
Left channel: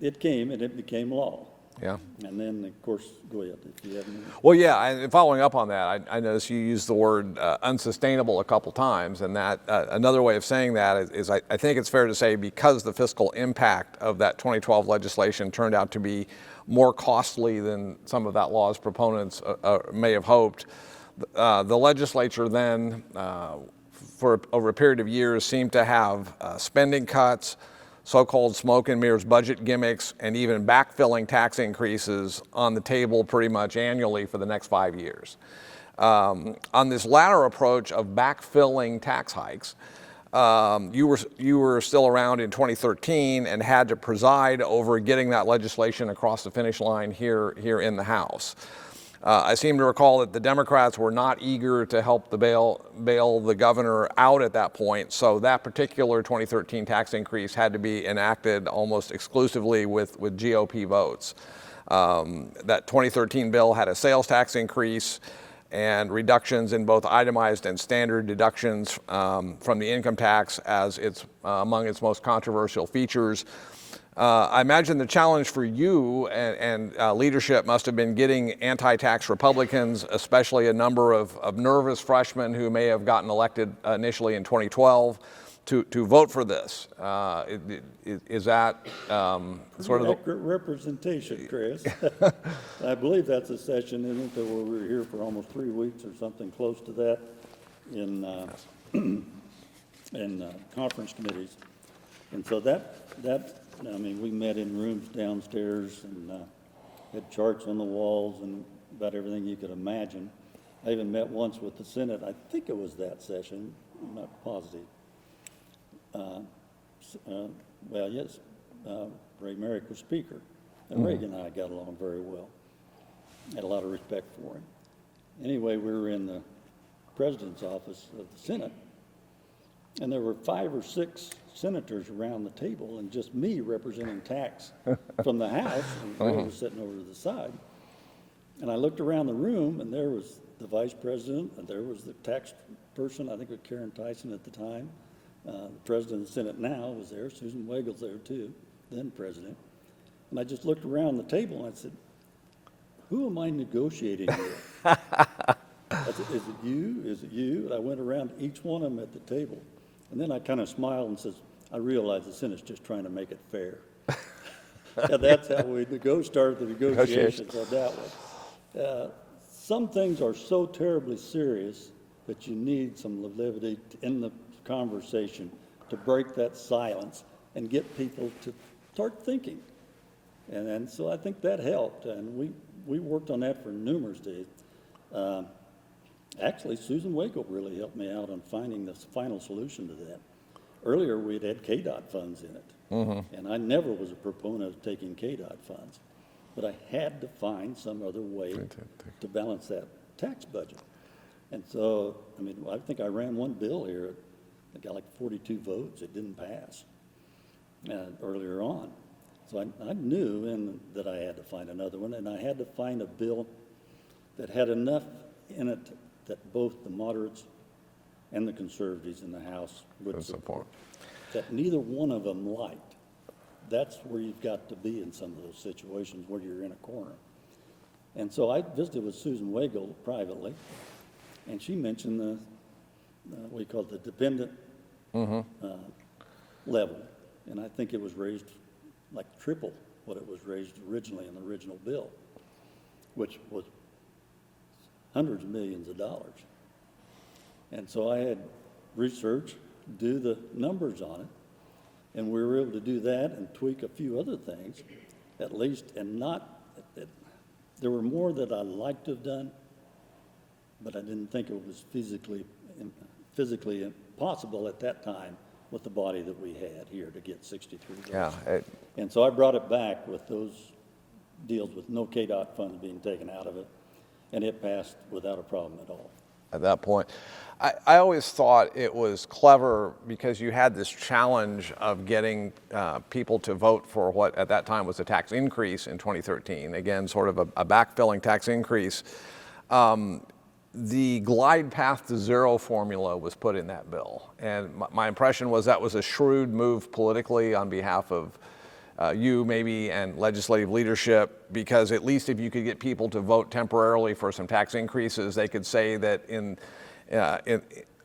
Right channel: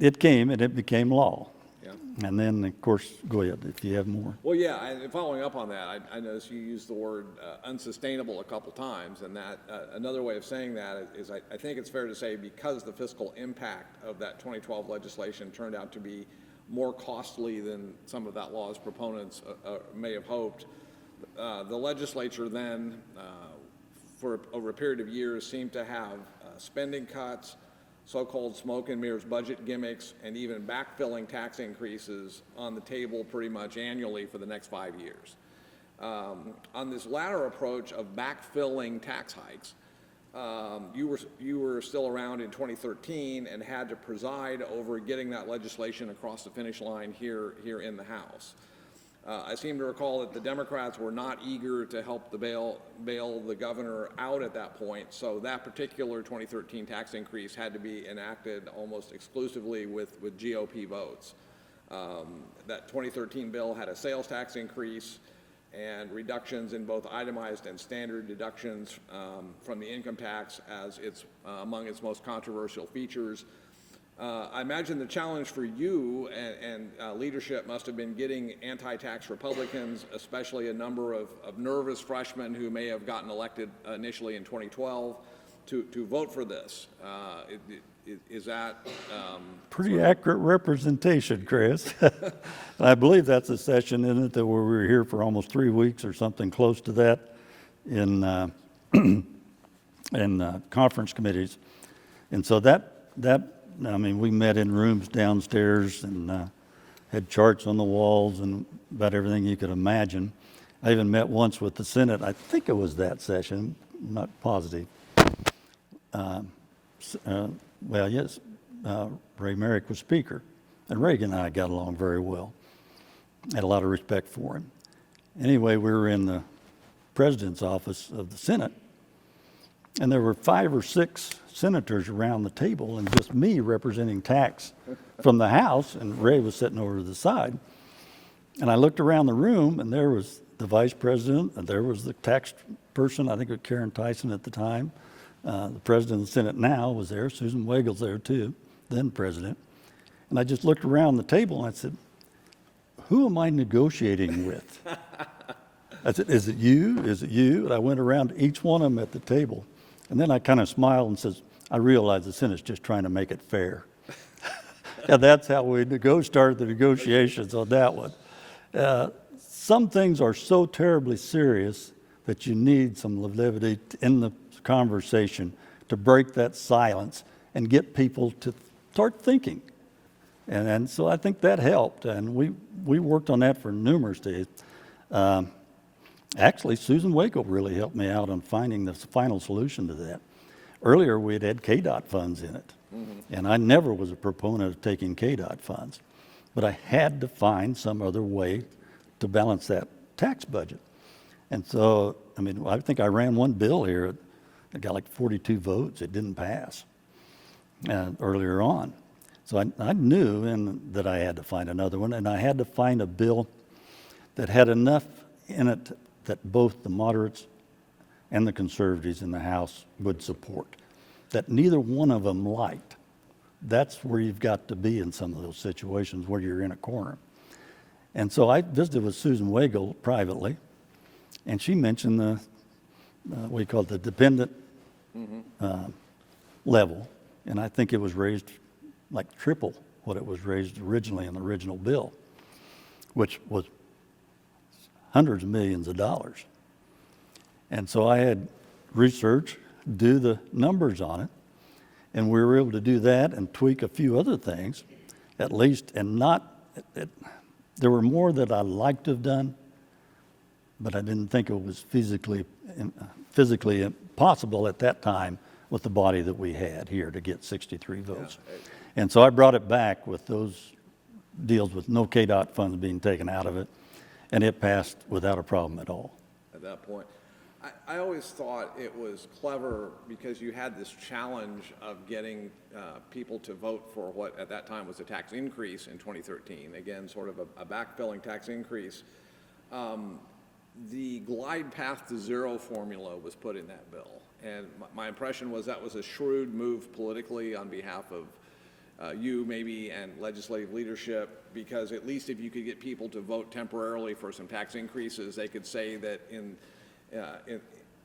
it came and it became law. Yeah. And then, of course, go ahead if you have more. Well, yeah, and following up on that, I noticed you used the word unsustainable a couple times, and that another way of saying that is I think it's fair to say because the fiscal impact of that 2012 legislation turned out to be more costly than some of that law's proponents may have hoped, the legislature then, for over a period of years, seemed to have spending cuts, so-called smoke and mirrors budget gimmicks, and even backfilling tax increases on the table pretty much annually for the next 5 years. On this latter approach of backfilling tax hikes, you were still around in 2013 and had to preside over getting that legislation across the finish line here in the House. I seem to recall that the Democrats were not eager to help bail the governor out at that point, so that particular 2013 tax increase had to be enacted almost exclusively with GOP votes. That 2013 bill had a sales tax increase and reductions in both itemized and standard deductions from the income tax as among its most controversial features. I imagine the challenge for you and leadership must have been getting anti-tax Republicans, especially a number of nervous freshmen who may have gotten elected initially in 2012, to vote for this. Is that pretty sort of accurate representation, Chris? I believe that's a session, isn't it, that where we were here for almost 3 weeks or something close to that in conference committees. And so I mean, we met in rooms downstairs and had charts on the walls and about everything you could imagine. I even met once with the Senate. I think it was that session, I'm not positive. Well, yes, Ray Merrick was Speaker, and Reagan and I got along very well. Had a lot of respect for him. Anyway, we were in the President's office of the Senate, and there were 5 or 6 senators around the table and just me representing tax from the House, and Ray was sitting over to the side. And I looked around the room, and there was the Vice President, and there was the tax person, I think it was Karen Tyson at the time. The President of the Senate now was there. Susan Wegel's there too, then President. And I just looked around the table and I said, who am I negotiating with? I said, is it you? Is it you? And I went around to each one of them at the table. And then I kind of smiled and says, I realize the Senate's just trying to make it fair. Yeah, that's how we started the negotiations on that one. Some things are so terribly serious that you need some levity in the conversation to break that silence and get people to start thinking. And so I think that helped. And we worked on that for numerous days. Actually, Susan Waco really helped me out on finding the final solution to that. Earlier, we had KDOT funds in it, and I never was a proponent of taking KDOT funds, but I had to find some other way to balance that tax budget. And so, I mean, I think I ran one bill here. It got like 42 votes. It didn't pass earlier on. So I knew that I had to find another one, and I had to find a bill that had enough in it that both the moderates and the conservatives in the House would support, that neither one of them liked. That's where you've got to be in some of those situations where you're in a corner. And so I visited with Susan Wagel privately, and she mentioned the, what you call it, the dependent level, and I think it was raised like triple what it was raised originally in the original bill, which was hundreds of millions of dollars. And so I had research, do the numbers on it, and we were able to do that and tweak a few other things, at least, and there were more that I liked to have done, but I didn't think it was physically possible at that time with the body that we had here to get 63 votes. Yeah, and so I brought it back with those deals with no KDOT funds being taken out of it, and it passed without a problem at all. At that point, I always thought it was clever because you had this challenge of getting people to vote for what at that time was a tax increase in 2013. Again, sort of a backfilling tax increase. The glide path to zero formula was put in that bill. And my impression was that was a shrewd move politically on behalf of you maybe and legislative leadership, because at least if you could get people to vote temporarily for some tax increases, they could say that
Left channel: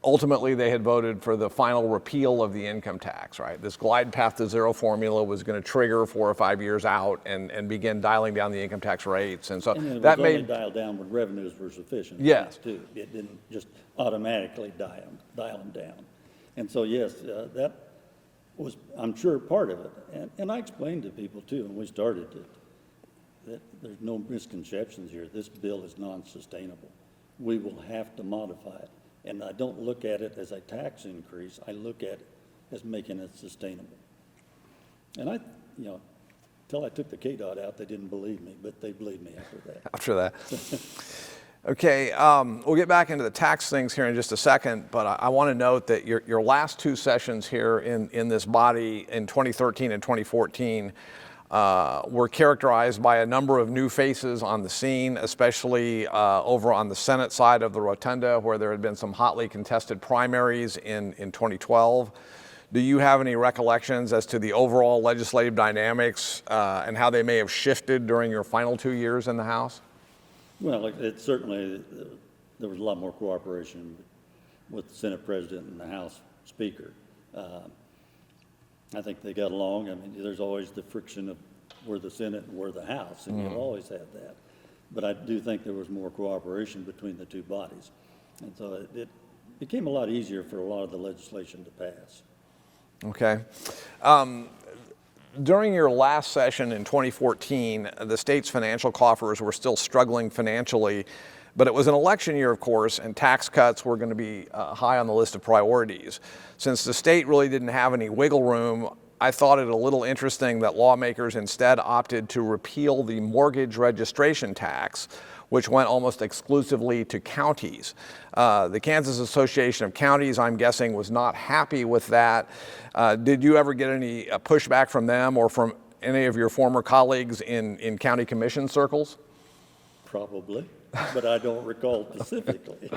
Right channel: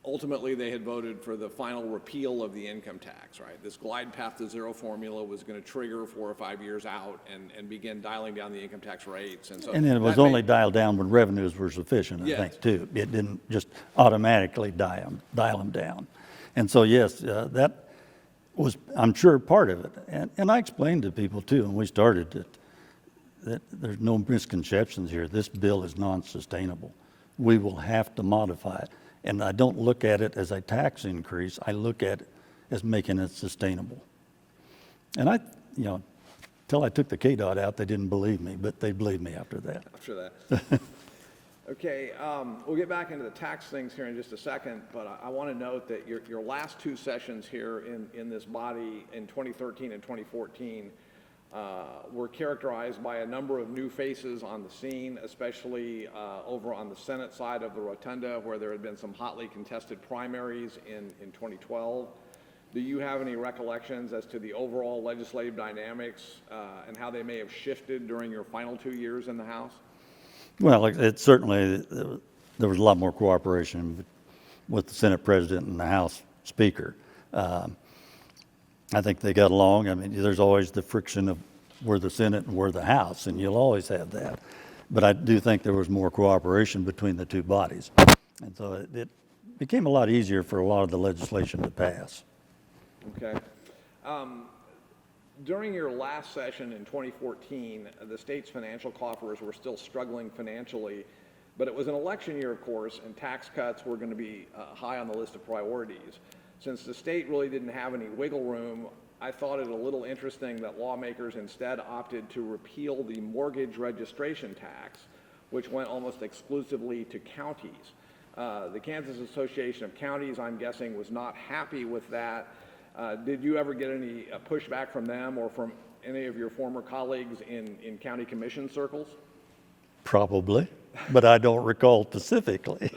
ultimately they had voted for the final repeal of the income tax, right? This glide path to zero formula was going to trigger 4 or 5 years out and begin dialing down the income tax rates. And so and it was only dialed down when revenues were sufficient, I think, too. It didn't just automatically dial them down. And so, yes, was, I'm sure, part of it. And I explained to people too, when we started, that there's no misconceptions here. This bill is non-sustainable. We will have to modify it. And I don't look at it as a tax increase. I look at it as making it sustainable. And until I took the KDOT out, they didn't believe me, but they believed me after that. After that. Okay, we'll get back into the tax things here in just a second, but I want to note that your last two sessions here in this body in 2013 and 2014 were characterized by a number of new faces on the scene, especially over on the Senate side of the rotunda, where there had been some hotly contested primaries in 2012. Do you have any recollections as to the overall legislative dynamics and how they may have shifted during your final 2 years in the House? Well, it certainly, there was a lot more cooperation with the Senate President and the House Speaker. I think they got along. I mean, there's always the friction of we're the Senate and we're the House, and you'll always have that. But I do think there was more cooperation between the two bodies. And so it became a lot easier for a lot of the legislation to pass. Okay. During your last session in 2014, the state's financial coffers were still struggling financially, but it was an election year, of course, and tax cuts were going to be high on the list of priorities. Since the state really didn't have any wiggle room, I thought it a little interesting that lawmakers instead opted to repeal the mortgage registration tax, which went almost exclusively to counties. The Kansas Association of Counties, I'm guessing, was not happy with that. Did you ever get any pushback from them or from any of your former colleagues in county commission circles? Probably, but I don't recall specifically.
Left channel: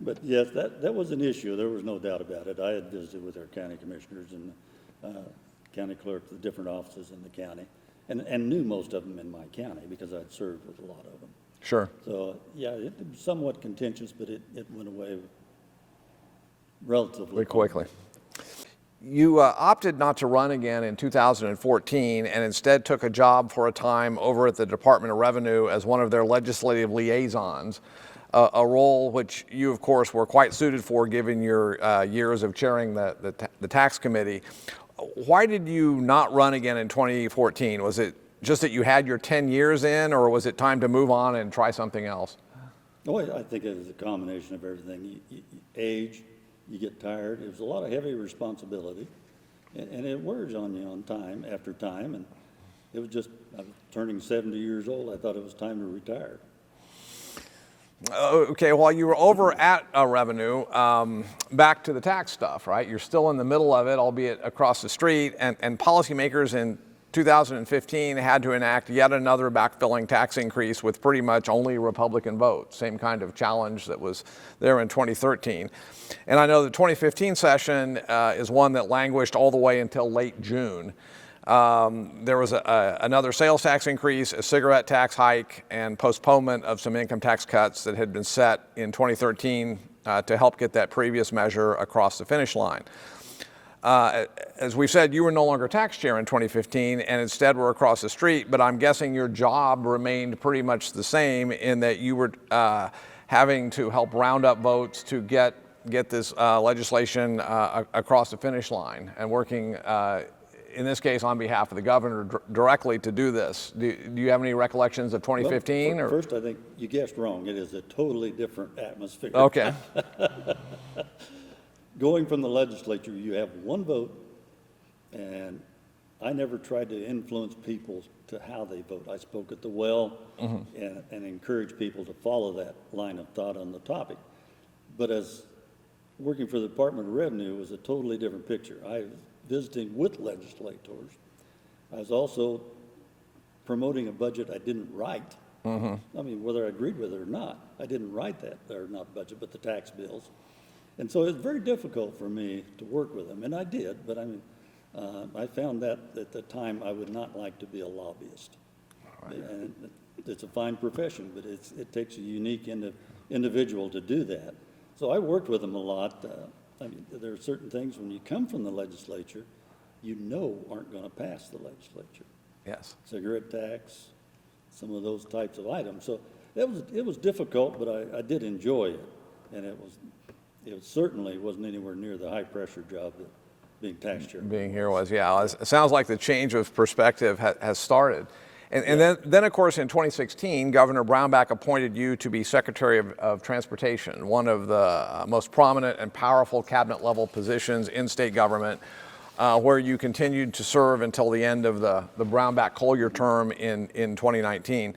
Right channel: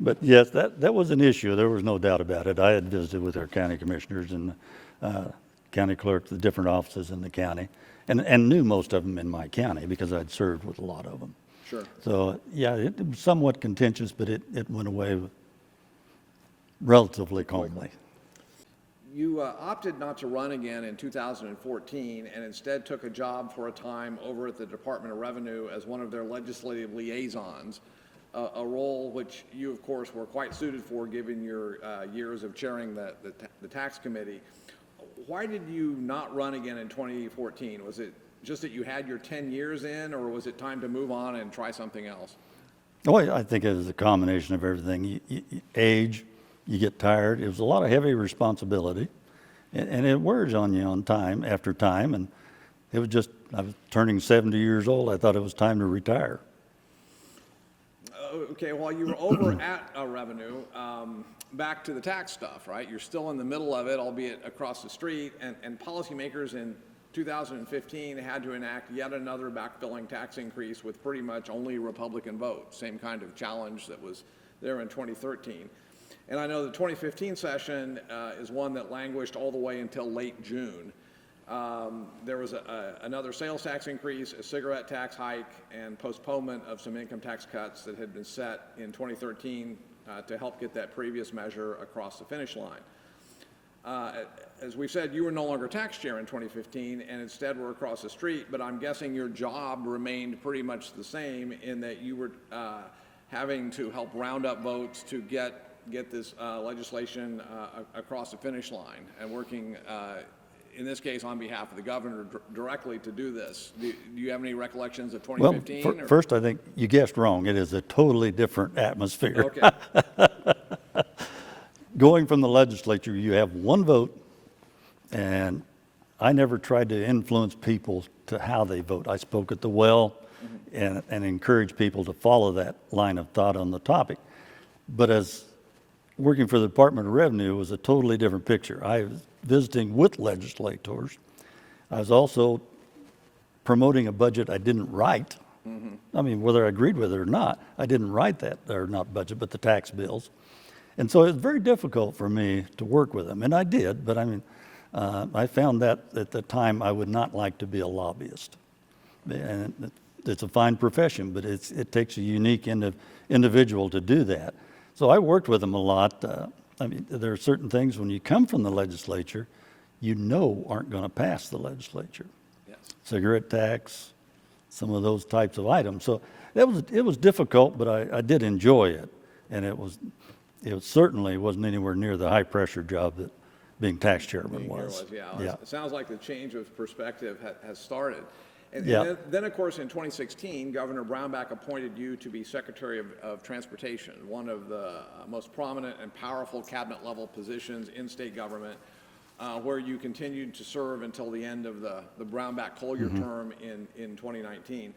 But yes, that was an issue. There was no doubt about it. I had visited with our county commissioners and county clerks, the different offices in the county, and knew most of them in my county because I'd served with a lot of them. Sure. So yeah, it was somewhat contentious, but it went away relatively quickly. You opted not to run again in 2014 and instead took a job for a time over at the Department of Revenue as one of their legislative liaisons, a role which you, of course, were quite suited for given your years of chairing the tax committee. Why did you not run again in 2014? Was it just that you had your 10 years in, or was it time to move on and try something else? Oh, I think it was a combination of everything. Age, you get tired. It was a lot of heavy responsibility, and it wears on you on time after time. And it was just, I was turning 70 years old. I thought it was time to retire. Okay, while you were over at Revenue, back to the tax stuff, right? You're still in the middle of it, albeit across the street, and policymakers in 2015 had to enact yet another backfilling tax increase with pretty much only Republican votes, same kind of challenge that was there in 2013. And I know the 2015 session is one that languished all the way until late June. There was another sales tax increase, a cigarette tax hike, and postponement of some income tax cuts that had been set in 2013 to help get that previous measure across the finish line. As we've said, you were no longer tax chair in 2015 and instead were across the street, but I'm guessing your job remained pretty much the same in that you were having to help round up votes to get this legislation across the finish line and working in this case on behalf of the governor directly to do this. Do you have any recollections of 2015? Well, first, I think you guessed wrong. It is a totally different atmosphere. Okay. Going from the legislature, you have one vote, and I never tried to influence people to how they vote. I spoke at the well and encouraged people to follow that line of thought on the topic. But as working for the Department of Revenue was a totally different picture. I was visiting with legislators. I was also promoting a budget I didn't write. I mean, whether I agreed with it or not, I didn't write that, or not budget, but the tax bills. And so it was very difficult for me to work with them, and I did, but I mean, I found that at the time I would not like to be a lobbyist. And it's a fine profession, but it takes a unique individual to do that. So I worked with them a lot. I mean, there are certain things when you come from the legislature, you know aren't going to pass the legislature. Yes. Cigarette tax, some of those types of items. So it was difficult, but I did enjoy it, and it certainly wasn't anywhere near the high pressure job being tax chairman Being was. here was, yeah. It sounds like the change of perspective has started. And then, of course, in 2016, Governor Brownback appointed you to be Secretary of Transportation, one of the most prominent and powerful cabinet-level positions in state government, where you continued to serve until the end of the Brownback-Collier term in 2019.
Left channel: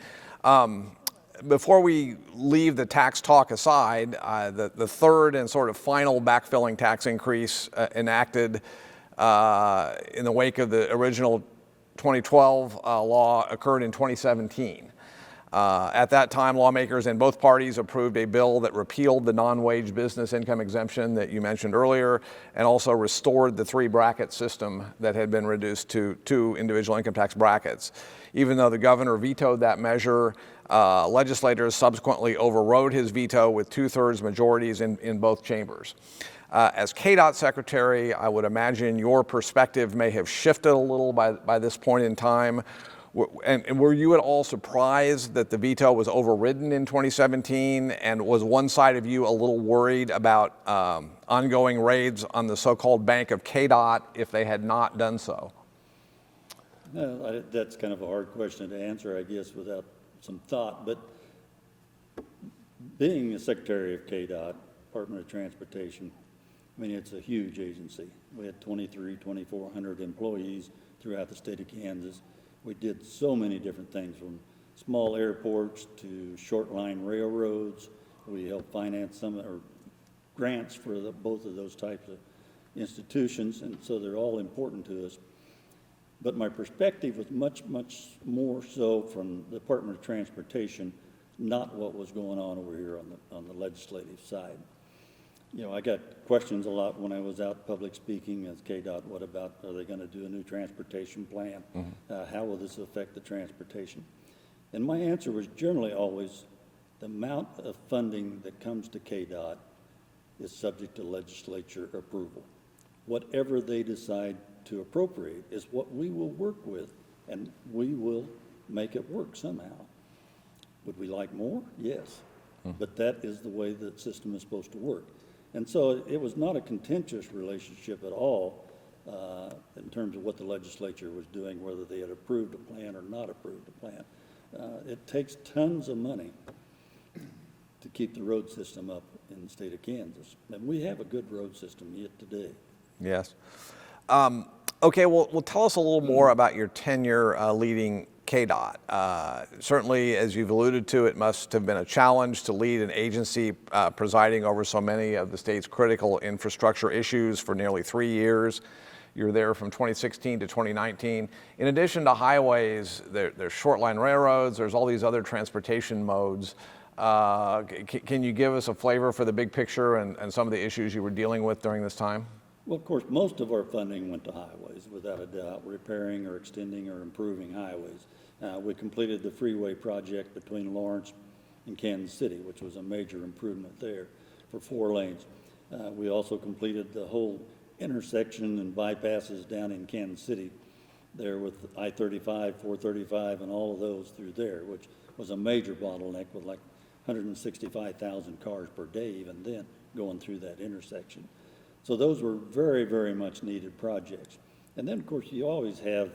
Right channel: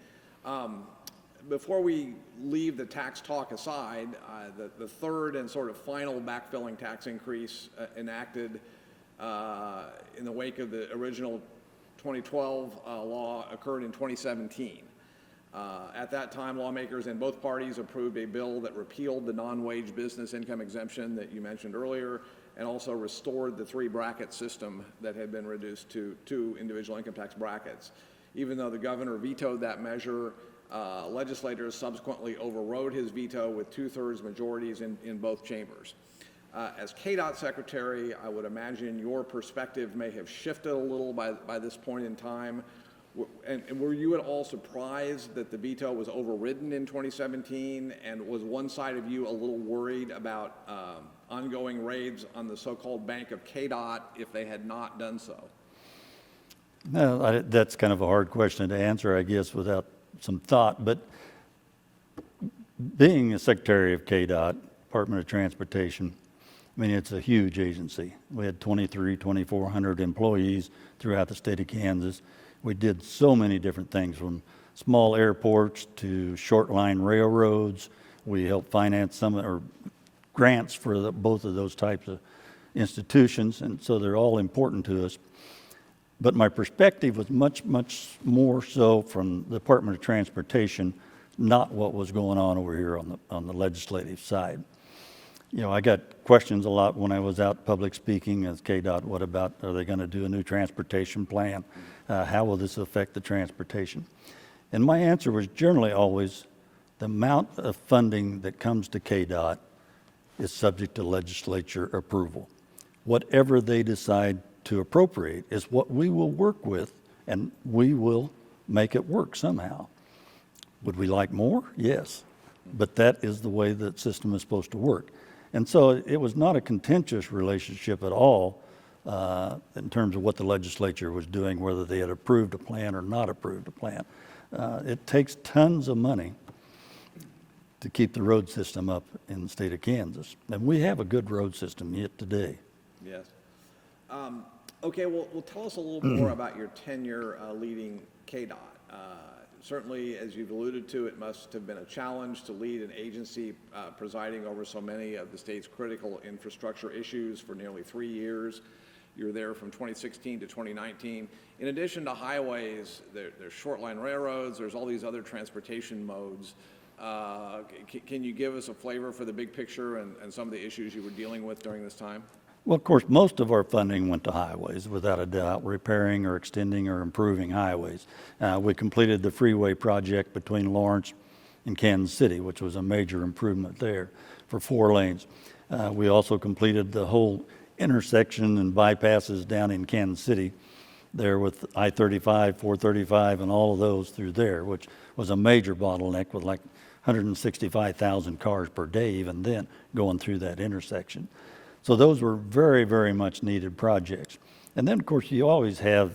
Before we leave the tax talk aside, the third and sort of final backfilling tax increase enacted in the wake of the original 2012 law occurred in 2017. At that time, lawmakers in both parties approved a bill that repealed the non-wage business income exemption that you mentioned earlier, and also restored the three-bracket system that had been reduced to two individual income tax brackets. Even though the governor vetoed that measure, legislators subsequently overrode his veto with 2/3 majorities in both chambers. As KDOT Secretary, I would imagine your perspective may have shifted a little by this point in time. And were you at all surprised that the veto was overridden in 2017? And was one side of you a little worried about ongoing raids on the so-called bank of KDOT if they had not done so? No, that's kind of a hard question to answer, I guess, without some thought. But being a Secretary of KDOT, Department of Transportation, I mean, it's a huge agency. We had 2,400 employees throughout the state of Kansas. We did so many different things, from small airports to short line railroads. We helped finance some or grants for both of those types of institutions, and so they're all important to us. But my perspective was much, much more so from the Department of Transportation, not what was going on over here on the legislative side. You know, I got questions a lot when I was out public speaking as KDOT. What about, are they going to do a new transportation plan? How will this affect the transportation? And my answer was generally always, the amount of funding that comes to KDOT is subject to legislature approval. Whatever they decide to appropriate is what we will work with, and we will make it work somehow. Would we like more? Yes. But that is the way that system is supposed to work. And so it was not a contentious relationship at all in terms of what the legislature was doing, whether they had approved a plan or not approved a plan. It takes tons of money to keep the road system up in the state of Kansas. And we have a good road system yet today. Yes. Okay, well, tell us a little more about your tenure leading KDOT. Certainly, as you've alluded to, it must have been a challenge to lead an agency presiding over so many of the state's critical infrastructure issues for nearly 3 years. You were there from 2016 to 2019. In addition to highways, there's short line railroads, there's all these other transportation modes. Can you give us a flavor for the big picture and some of the issues you were dealing with during this time? Well, of course, most of our funding went to highways, without a doubt, repairing or extending or improving highways. We completed the freeway project between Lawrence and Kansas City, which was a major improvement there for 4 lanes. We also completed the whole intersection and bypasses down in Kansas City there with I-35, 435, and all of those through there, which was a major bottleneck with like 165,000 cars per day even then going through that intersection. So those were very, very much needed projects. And then, of course, you always have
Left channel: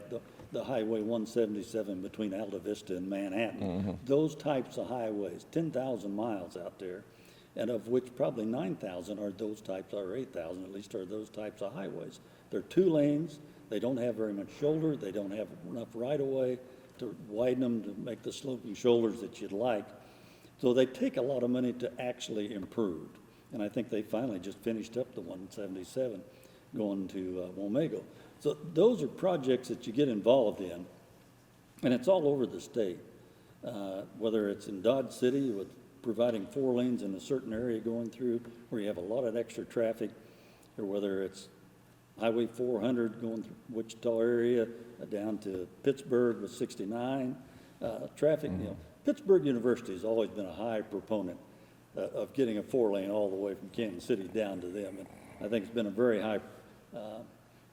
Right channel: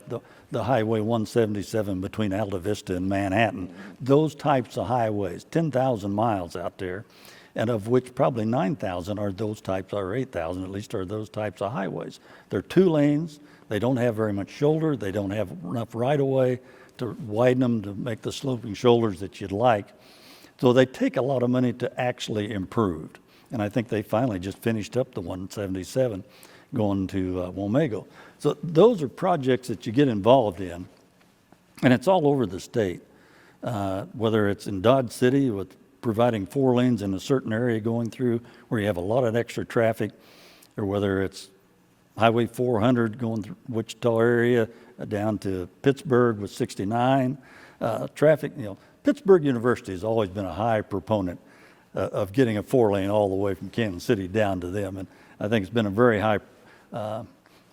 the Highway 177 between Alta Vista and Manhattan. Those types of highways, 10,000 miles out there, and of which probably 9,000 are those types, or 8,000 at least, are those types of highways. They're 2 lanes. They don't have very much shoulder. They don't have enough right-of-way to widen them to make the sloping shoulders that you'd like. So they take a lot of money to actually improve. And I think they finally just finished up the 177 going to Wamego. So those are projects that you get involved in, and it's all over the state. Whether it's in Dodge City with providing 4 lanes in a certain area going through where you have a lot of extra traffic, or whether it's Highway 400 going through Wichita area down to Pittsburgh with 69 traffic. You know, Pittsburgh University has always been a high proponent of getting a 4-lane all the way from Kansas City down to them. And I think it's been a very high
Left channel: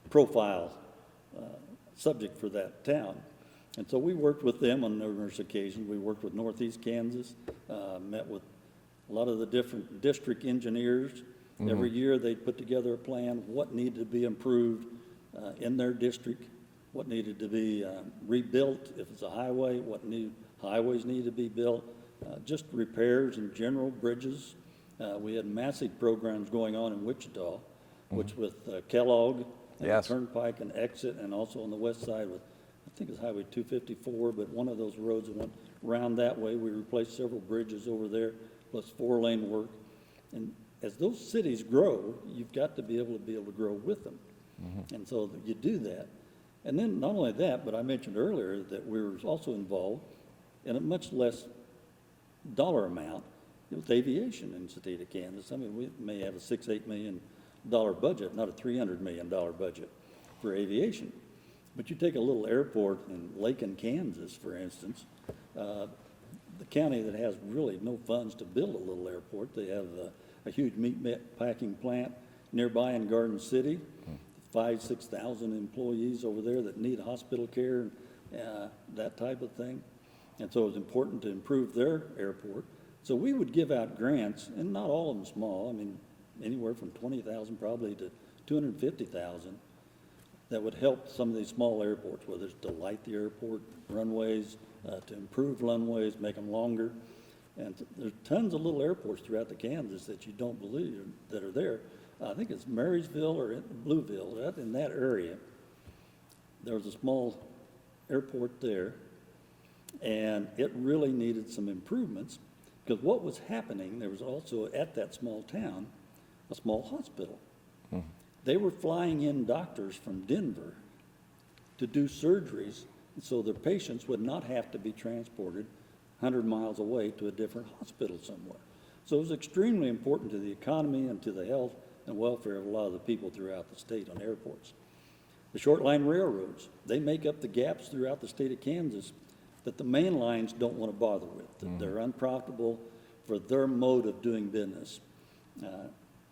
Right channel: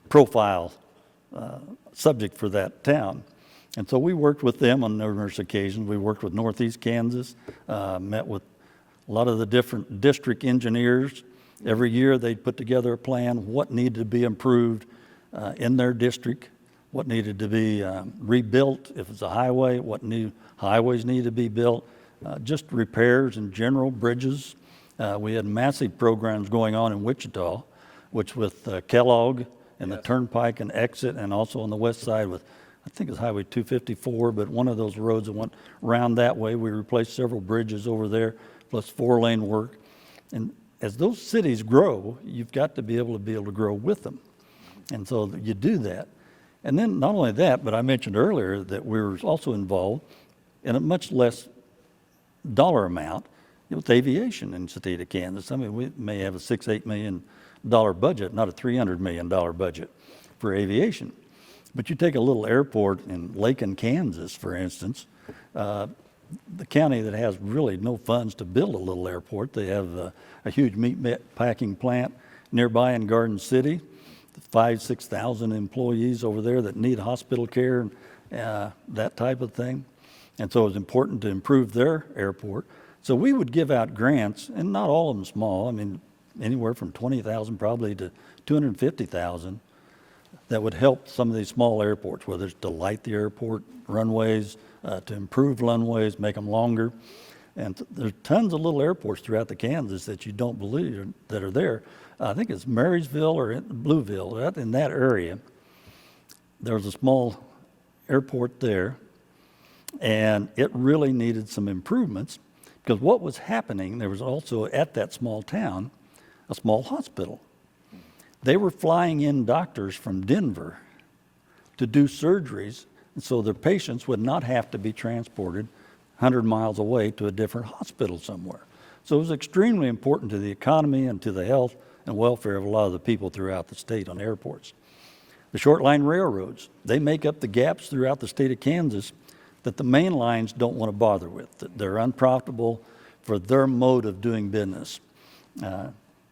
profile subject for that town. And so we worked with them on numerous occasions. We worked with Northeast Kansas, met with a lot of the different district engineers Every year they'd put together a plan, what needed to be improved in their district, what needed to be rebuilt, if it's a highway, what new highways needed to be built, just repairs in general, bridges. We had massive programs going on in Wichita, which with Kellogg and Yes. the Turnpike and exit, and also on the west side with, I think it's Highway 254, but one of those roads that went around that way. We replaced several bridges over there, plus 4-lane work. And as those cities grow, you've got to be able to grow with them. And so you do that. And then not only that, but I mentioned earlier that we were also involved in a much less dollar amount with aviation in the state of Kansas. I mean, we may have a $6-8 million budget, not a $300 million budget for aviation. But you take a little airport in Lakin, Kansas, for instance, the county that has really no funds to build a little airport. They have a huge meat packing plant nearby in Garden City, 5,000-6,000 employees over there that need hospital care and that type of thing. And so it was important to improve their airport. So we would give out grants, and not all of them small. I mean, anywhere from $20,000 probably to $250,000 that would help some of these small airports, whether it's to light the airport runways, to improve runways, make them longer. And there's tons of little airports throughout the Kansas that you don't believe that are there. I think it's Marysville or Blueville, in that area. There was a small airport there, and it really needed some improvements because what was happening, there was also at that small town, a small hospital. They were flying in doctors from Denver to do surgeries, and so their patients would not have to be transported 100 miles away to a different hospital somewhere. So it was extremely important to the economy and to the health and welfare of a lot of the people throughout the state on airports. The short line railroads, they make up the gaps throughout the state of Kansas that the main lines don't want to bother with. That they're unprofitable for their mode of doing business.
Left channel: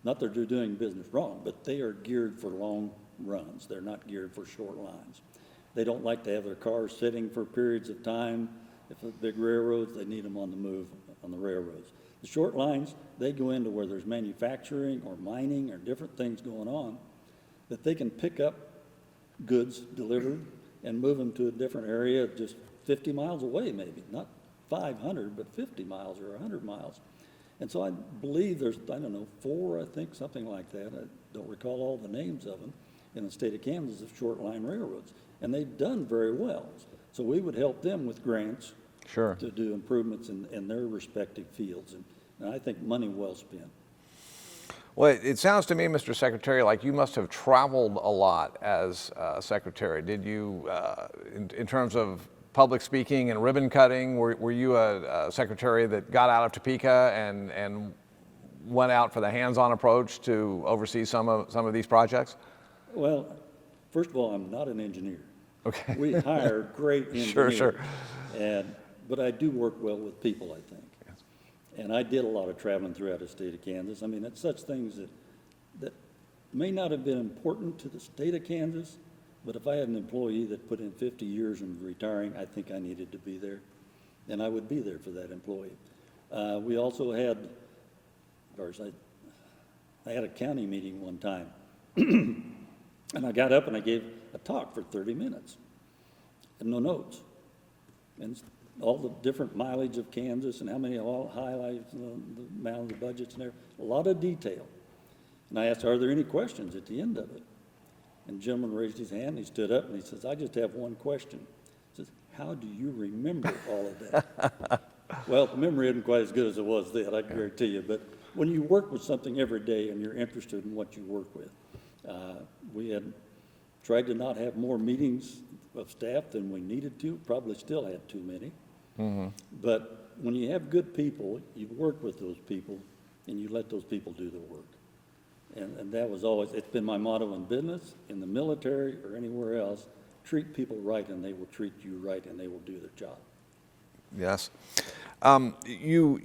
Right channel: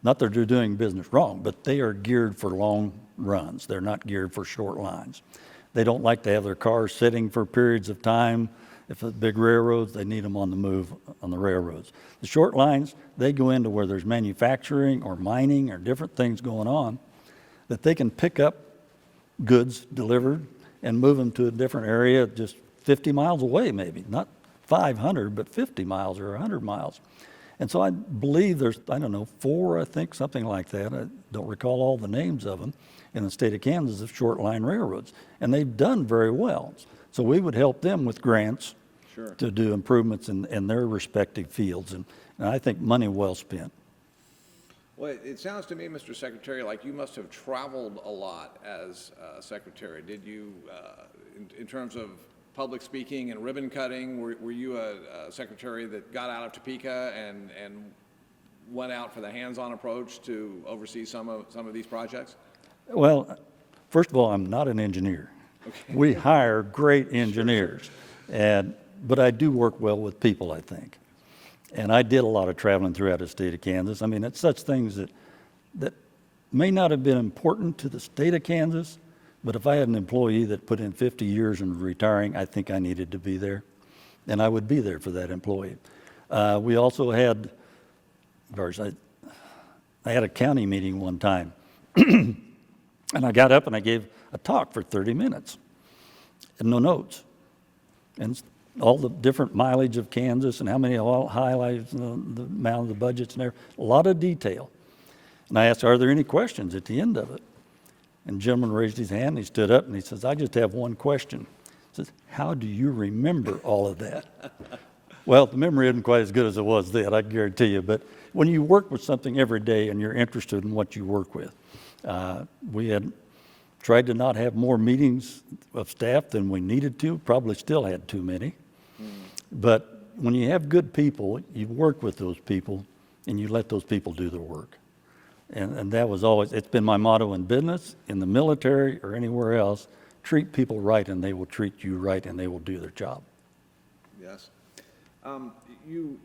Not that they're doing business wrong, but they are geared for long runs. They're not geared for short lines. They don't like to have their cars sitting for periods of time. If it's big railroads, they need them on the move on the railroads. The short lines, they go into where there's manufacturing or mining or different things going on that they can pick up goods delivered and move them to a different area just 50 miles away maybe, not 500, but 50 miles or 100 miles. And so I believe there's, 4, I think, something like that. I don't recall all the names of them in the state of Kansas of short line railroads. And they've done very well. So we would help them with grants to do improvements in their respective fields. And I think money well spent. Well, it sounds to me, Mr. Secretary, like you must have traveled a lot as Secretary. Did you, in terms of public speaking and ribbon cutting, were you a secretary that got out of Topeka and went out for the hands-on approach to oversee some of these projects? Well, first of all, I'm not an engineer. Okay. We hire great engineers, Sure. But I do work well with people, I think. And I did a lot of traveling throughout the state of Kansas. I mean, it's such things that may not have been important to the state of Kansas, but if I had an employee that put in 50 years and retiring, I think I needed to be there, and I would be there for that employee. We also had, I had a county meeting one time, and I got up and I gave a talk for 30 minutes, and no notes, and all the different mileage of Kansas and how many highlights, the amount of the budgets and everything, a lot of detail. And I asked, are there any questions at the end of it? And the gentleman raised his hand, and he stood up, and he says, I just have one question. He says, how do you remember all of that? Well, the memory isn't quite as good as it was then, I guarantee you. But when you work with something every day and you're interested in what you work with, we had tried to not have more meetings of staff than we needed to, probably still had too many. Mm-hmm. But when you have good people, you work with those people, and you let those people do their work. And that was always, it's been my motto in business, in the military, or anywhere else, treat people right and they will treat you right and they will do their job. Yes. You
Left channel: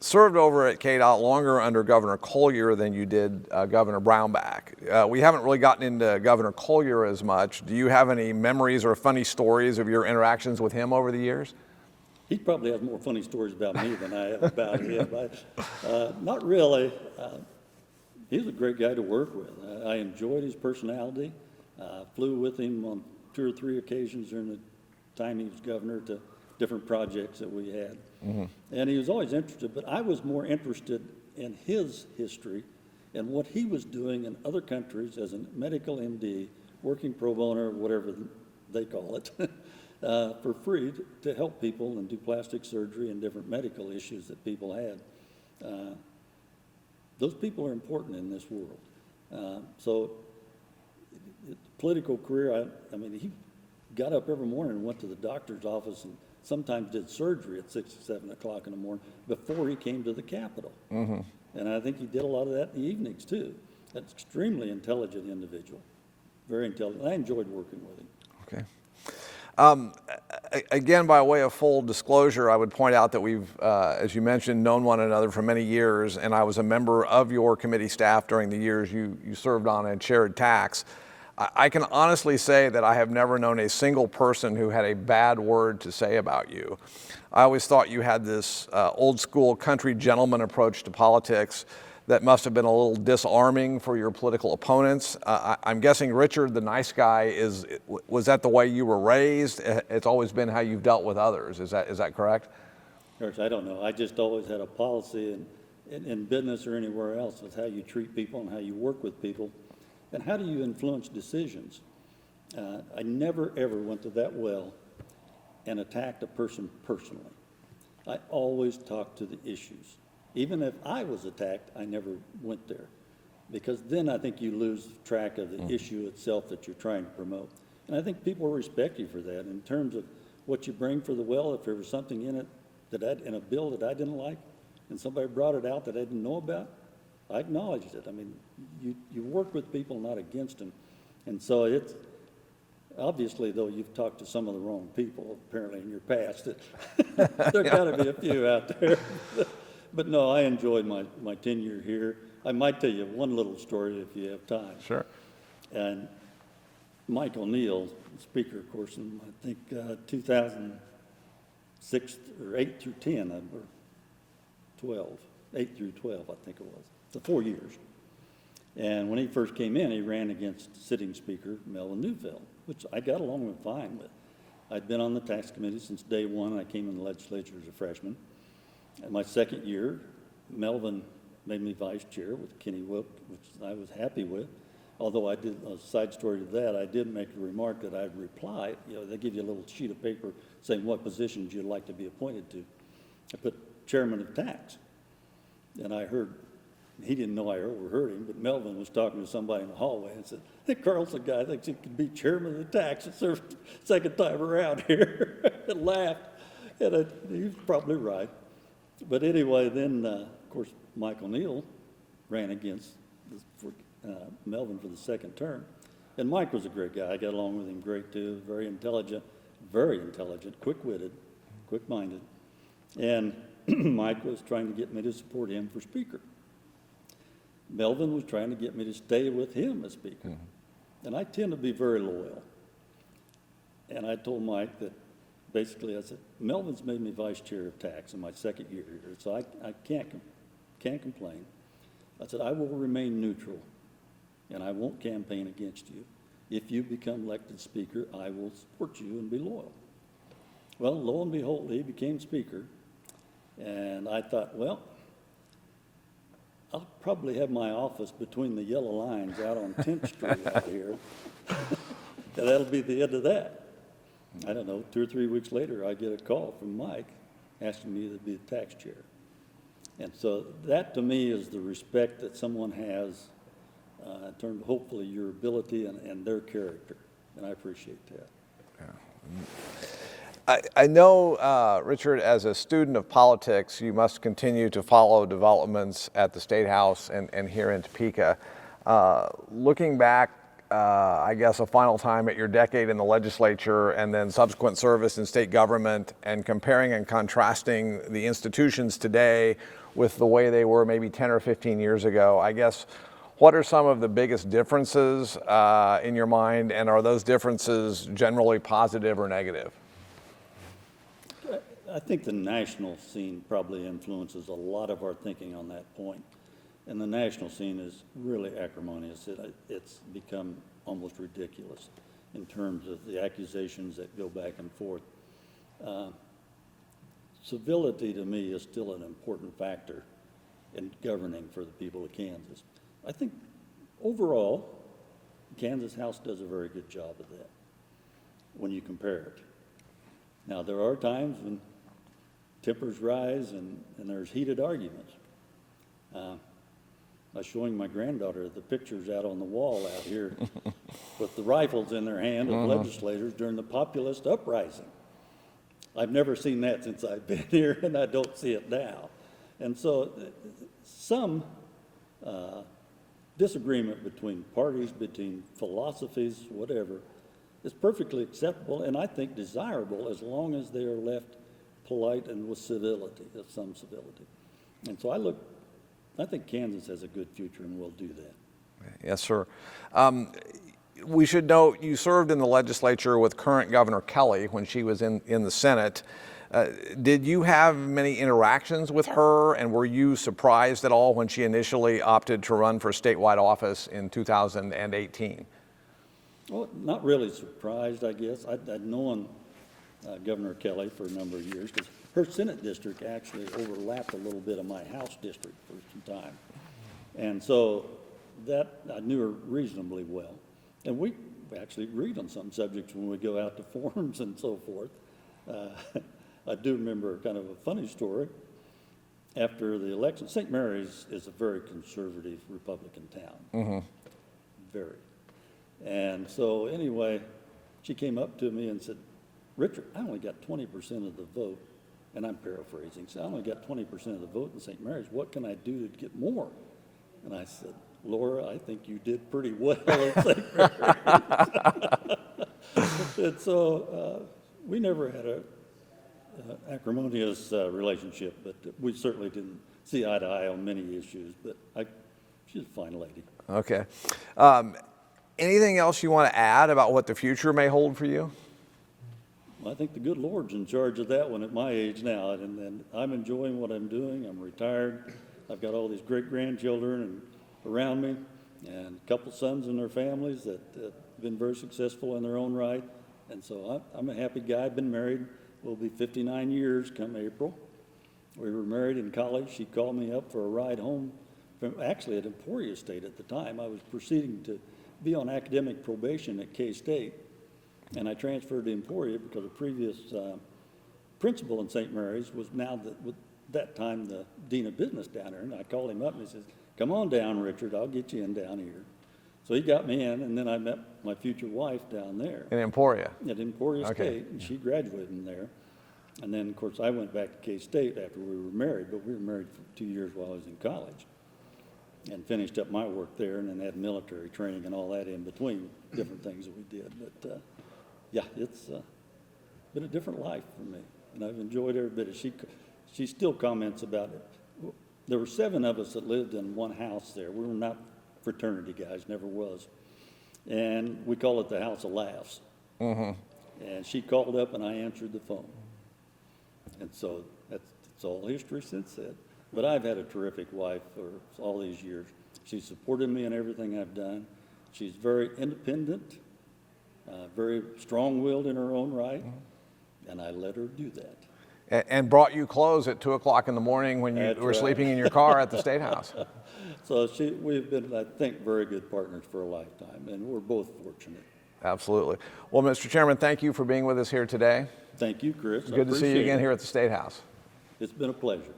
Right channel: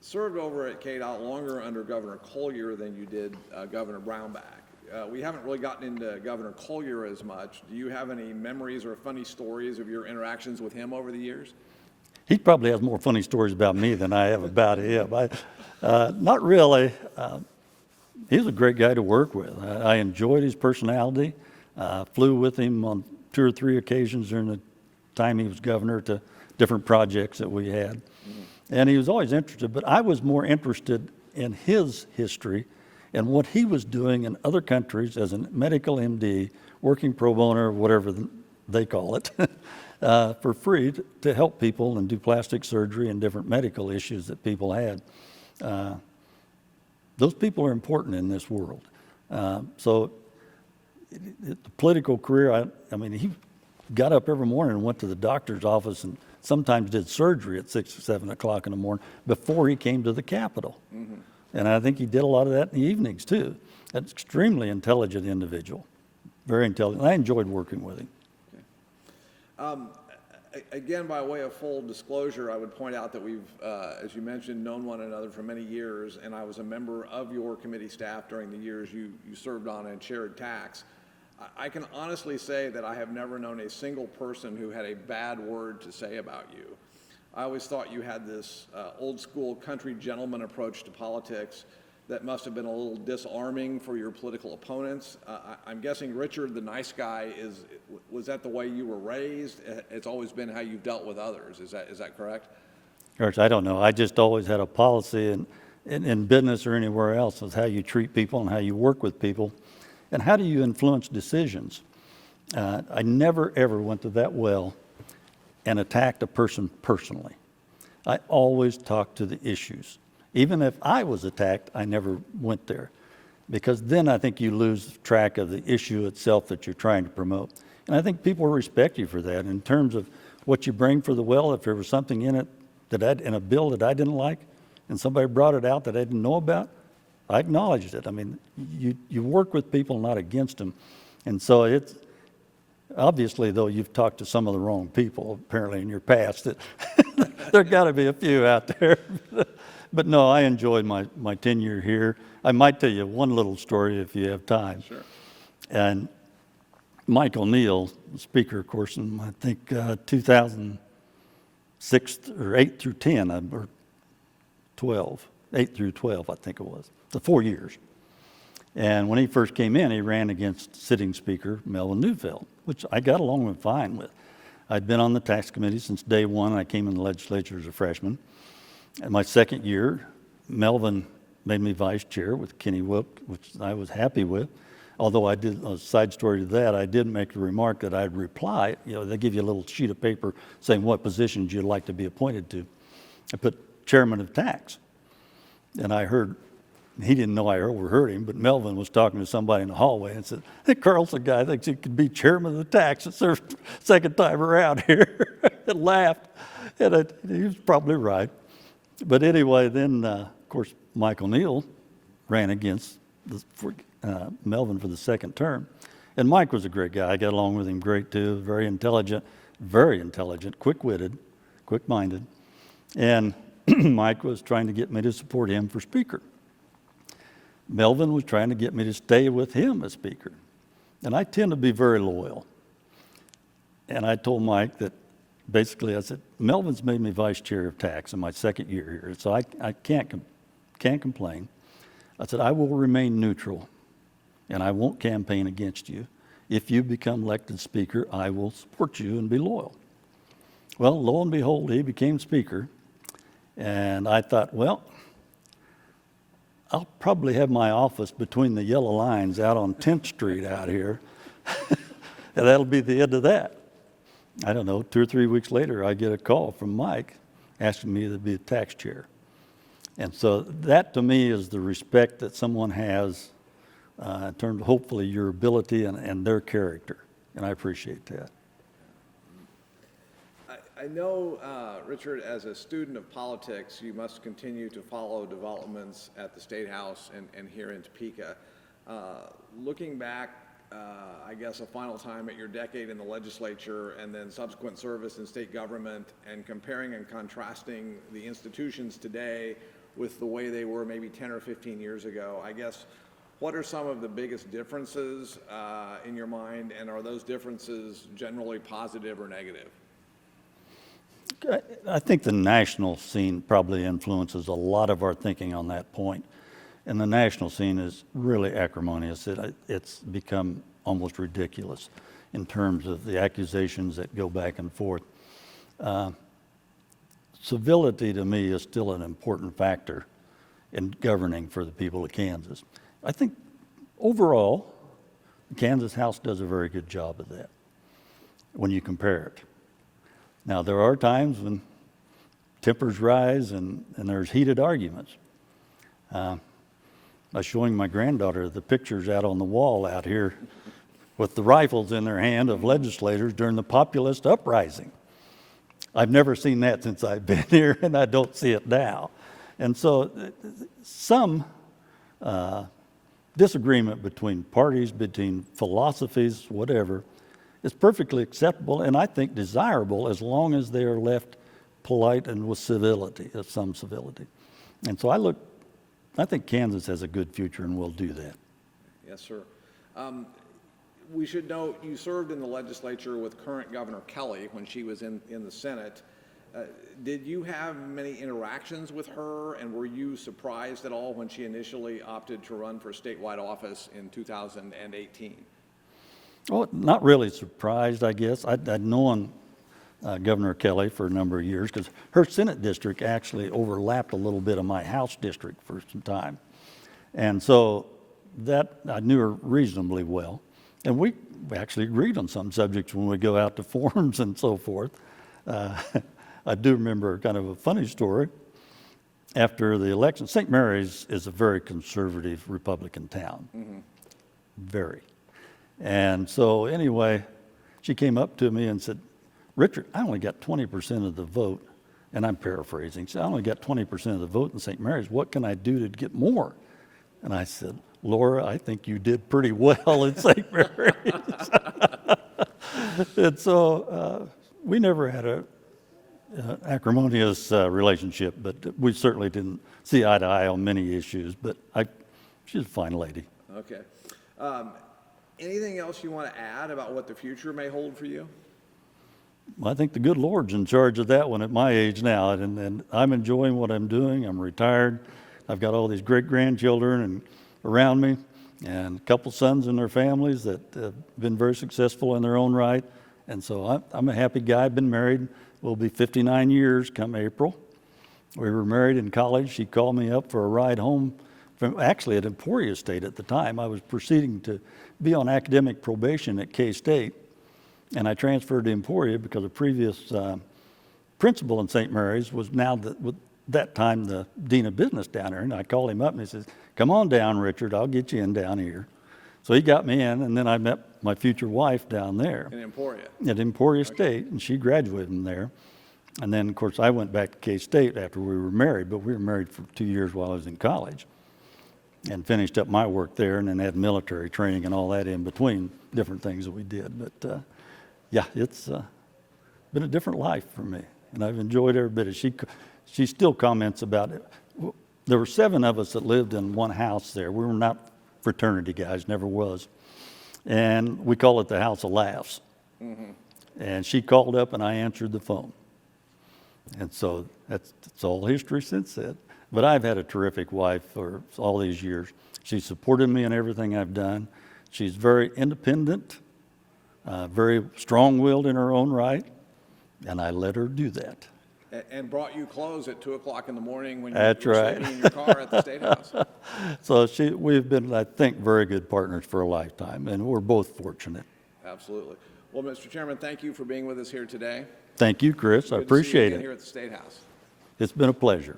served over at KDOT longer under Governor Collier than you did Governor Brownback. We haven't really gotten into Governor Collier as much. Do you have any memories or funny stories of your interactions with him over the years? He probably has more funny stories about me than I have about him. Not really. he was a great guy to work with. I enjoyed his personality. Flew with him on 2 or 3 occasions during the time he was governor to different projects that we had. And he was always interested, but I was more interested in his history and what he was doing in other countries as a medical MD, working pro bono, or whatever they call it, for free to help people and do plastic surgery and different medical issues that people had. Those people are important in this world. So the political career, I mean, he got up every morning and went to the doctor's office and sometimes did surgery at 6 or 7 o'clock in the morning before he came to the Capitol. And I think he did a lot of that in the evenings too. An extremely intelligent individual, very intelligent. I enjoyed working with him. Okay. Again, by way of full disclosure, I would point out that we've, as you mentioned, known one another for many years, and I was a member of your committee staff during the years you served on and chaired tax. I can honestly say that I have never known a single person who had a bad word to say about you. I always thought you had this old school country gentleman approach to politics that must have been a little disarming for your political opponents. I'm guessing Richard, the nice guy, was that the way you were raised? It's always been how you've dealt with others. Is that correct? Course, I don't know. I just always had a policy in business or anywhere else is how you treat people and how you work with people and how do you influence decisions. I never ever went to that well and attacked a person personally. I always talked to the issues. Even if I was attacked, I never went there because then I think you lose track of the issue itself that you're trying to promote. And I think people respect you for that in terms of what you bring for the well. If there was something in it in a bill that I didn't like and somebody brought it out that I didn't know about, I acknowledged it. I mean, you work with people, not against them. And so it's, obviously, though, you've talked to some of the wrong people, apparently, in your past. There got to be a few out there. But no, I enjoyed my tenure here. I might tell you one little story if you have time. Sure. And Mike O'Neill, Speaker, of course, in I think 2006 or 8 through 10 or 12, 8 through 12, I think it was. So 4 years. And when he first came in, he ran against sitting Speaker Melvin Newfeld, which I got along fine with. I'd been on the tax committee since day one. I came in the legislature as a freshman. In my second year, Melvin made me vice chair with Kenny Wilk, which I was happy with. Although I did, a side story to that, I did make the remark that I'd reply. You know, they give you a little sheet of paper saying what positions you'd like to be appointed to. I put chairman of tax. And I heard, he didn't know I overheard him, but Melvin was talking to somebody in the hallway and said, "Hey, Carlson guy thinks he could be chairman of the tax. It's their second time around here." And laughed. And he was probably right. But anyway, then, of course, Mike O'Neill ran against Melvin for the second term. And Mike was a great guy. I got along with him great, too. Very intelligent, quick-witted, quick-minded. And Mike was trying to get me to support him for Speaker. Melvin was trying to get me to stay with him as Speaker. And I tend to be very loyal. And I told Mike that basically, I said, Melvin's made me vice chair of tax in my second year here, so I can't complain. I said, I will remain neutral, and I won't campaign against you. If you become elected Speaker, I will support you and be loyal. Well, lo and behold, he became Speaker, and I thought, well, I'll probably have my office between the yellow lines out on 10th Street out here, and that'll be the end of that. I don't know, 2 or 3 weeks later, I get a call from Mike asking me to be a tax chair. And so that to me is the respect that someone has in terms of hopefully your ability and their character. And I appreciate that. I know, Richard, as a student of politics, you must continue to follow developments at the State House and here in Topeka. Looking back, I guess, a final time at your decade in the legislature and then subsequent service in state government and comparing and contrasting the institutions today with the way they were maybe 10 or 15 years ago, I guess, what are some of the biggest differences in your mind, and are those differences generally positive or negative? I think the national scene probably influences a lot of our thinking on that point. and the national scene is really acrimonious. It's become almost ridiculous in terms of the accusations that go back and forth. Civility to me is still an important factor in governing for the people of Kansas. I think overall, the Kansas House does a very good job of that when you compare it. Now, there are times when tempers rise and there's heated arguments. I was showing my granddaughter the pictures out on the wall out here with the rifles in their hand of legislators during the populist uprising. I've never seen that since I've been here, and I don't see it now. And so some disagreement between parties, between philosophies, whatever, is perfectly acceptable and I think desirable as long as they are left polite and with civility, some civility. And so I think Kansas has a good future and will do that. Yes, sir. We should note you served in the legislature with current Governor Kelly when she was in the Senate. Did you have many interactions with her, and were you surprised at all when she initially opted to run for statewide office in 2018? Well, not really surprised, I guess. I'd known Governor Kelly for a number of years because her Senate district actually overlapped a little bit of my House district for some time. And so that I knew her reasonably well. And we actually agreed on some subjects when we go out to forums and so forth. I do remember kind of a funny story. After the election, St. Mary's is a very conservative Republican town. Very. And so anyway, she came up to me and said, "Richard, I only got 20% of the vote." And I'm paraphrasing. She said, "I only got 20% of the vote in St. Mary's. What can I do to get more?" And I said, "Laura, I think you did pretty well in St. Mary's." And so we never had a acrimonious relationship, but we certainly didn't see eye to eye on many issues. But she's a fine lady. Okay. Anything else you want to add about what the future may hold for you? I think the good Lord's in charge of that one at my age now, and I'm enjoying what I'm doing. I'm retired. I've got all these great-grandchildren and around me, and a couple sons and their families that have been very successful in their own right. And so I'm a happy guy. I've been married. We'll be 59 years come April. We were married in college. She called me up for a ride home from actually at Emporia State at the time. I was proceeding to be on academic probation at K-State, and I transferred to Emporia because a previous principal in St. Mary's was now that time the dean of business down there. And I called him up and he says, "Come on down, Richard, I'll get you in down here." So he got me in, and then I met my future wife down there. In Emporia? At Emporia State, and she graduated from there. And then, of course, I went back to K-State after we were married, but we were married for 2 years while I was in college and finished up my work there and then had military training and all that in between, different things that we did. But yeah, it's been a different life for me, and I've enjoyed every bit of it. She still comments about it. There were 7 of us that lived in one house there. We were not fraternity guys, never was. And we call it the House of Laughs. And she called up and I answered the phone. And so that's all history since then. But I've had a terrific wife for all these years. She supported me in everything I've done. She's very independent, very strong-willed in her own right, and I let her do that. And brought you clothes at 2 o'clock in the morning when you That's were right. sleeping in your car at the State House. So we've been, I think, very good partners for a lifetime, and we're both fortunate. Absolutely. Well, Mr. Chairman, thank you for being with us here today. Thank you, Chris. I Good to see you appreciate again it. here at the State House. It's been a pleasure.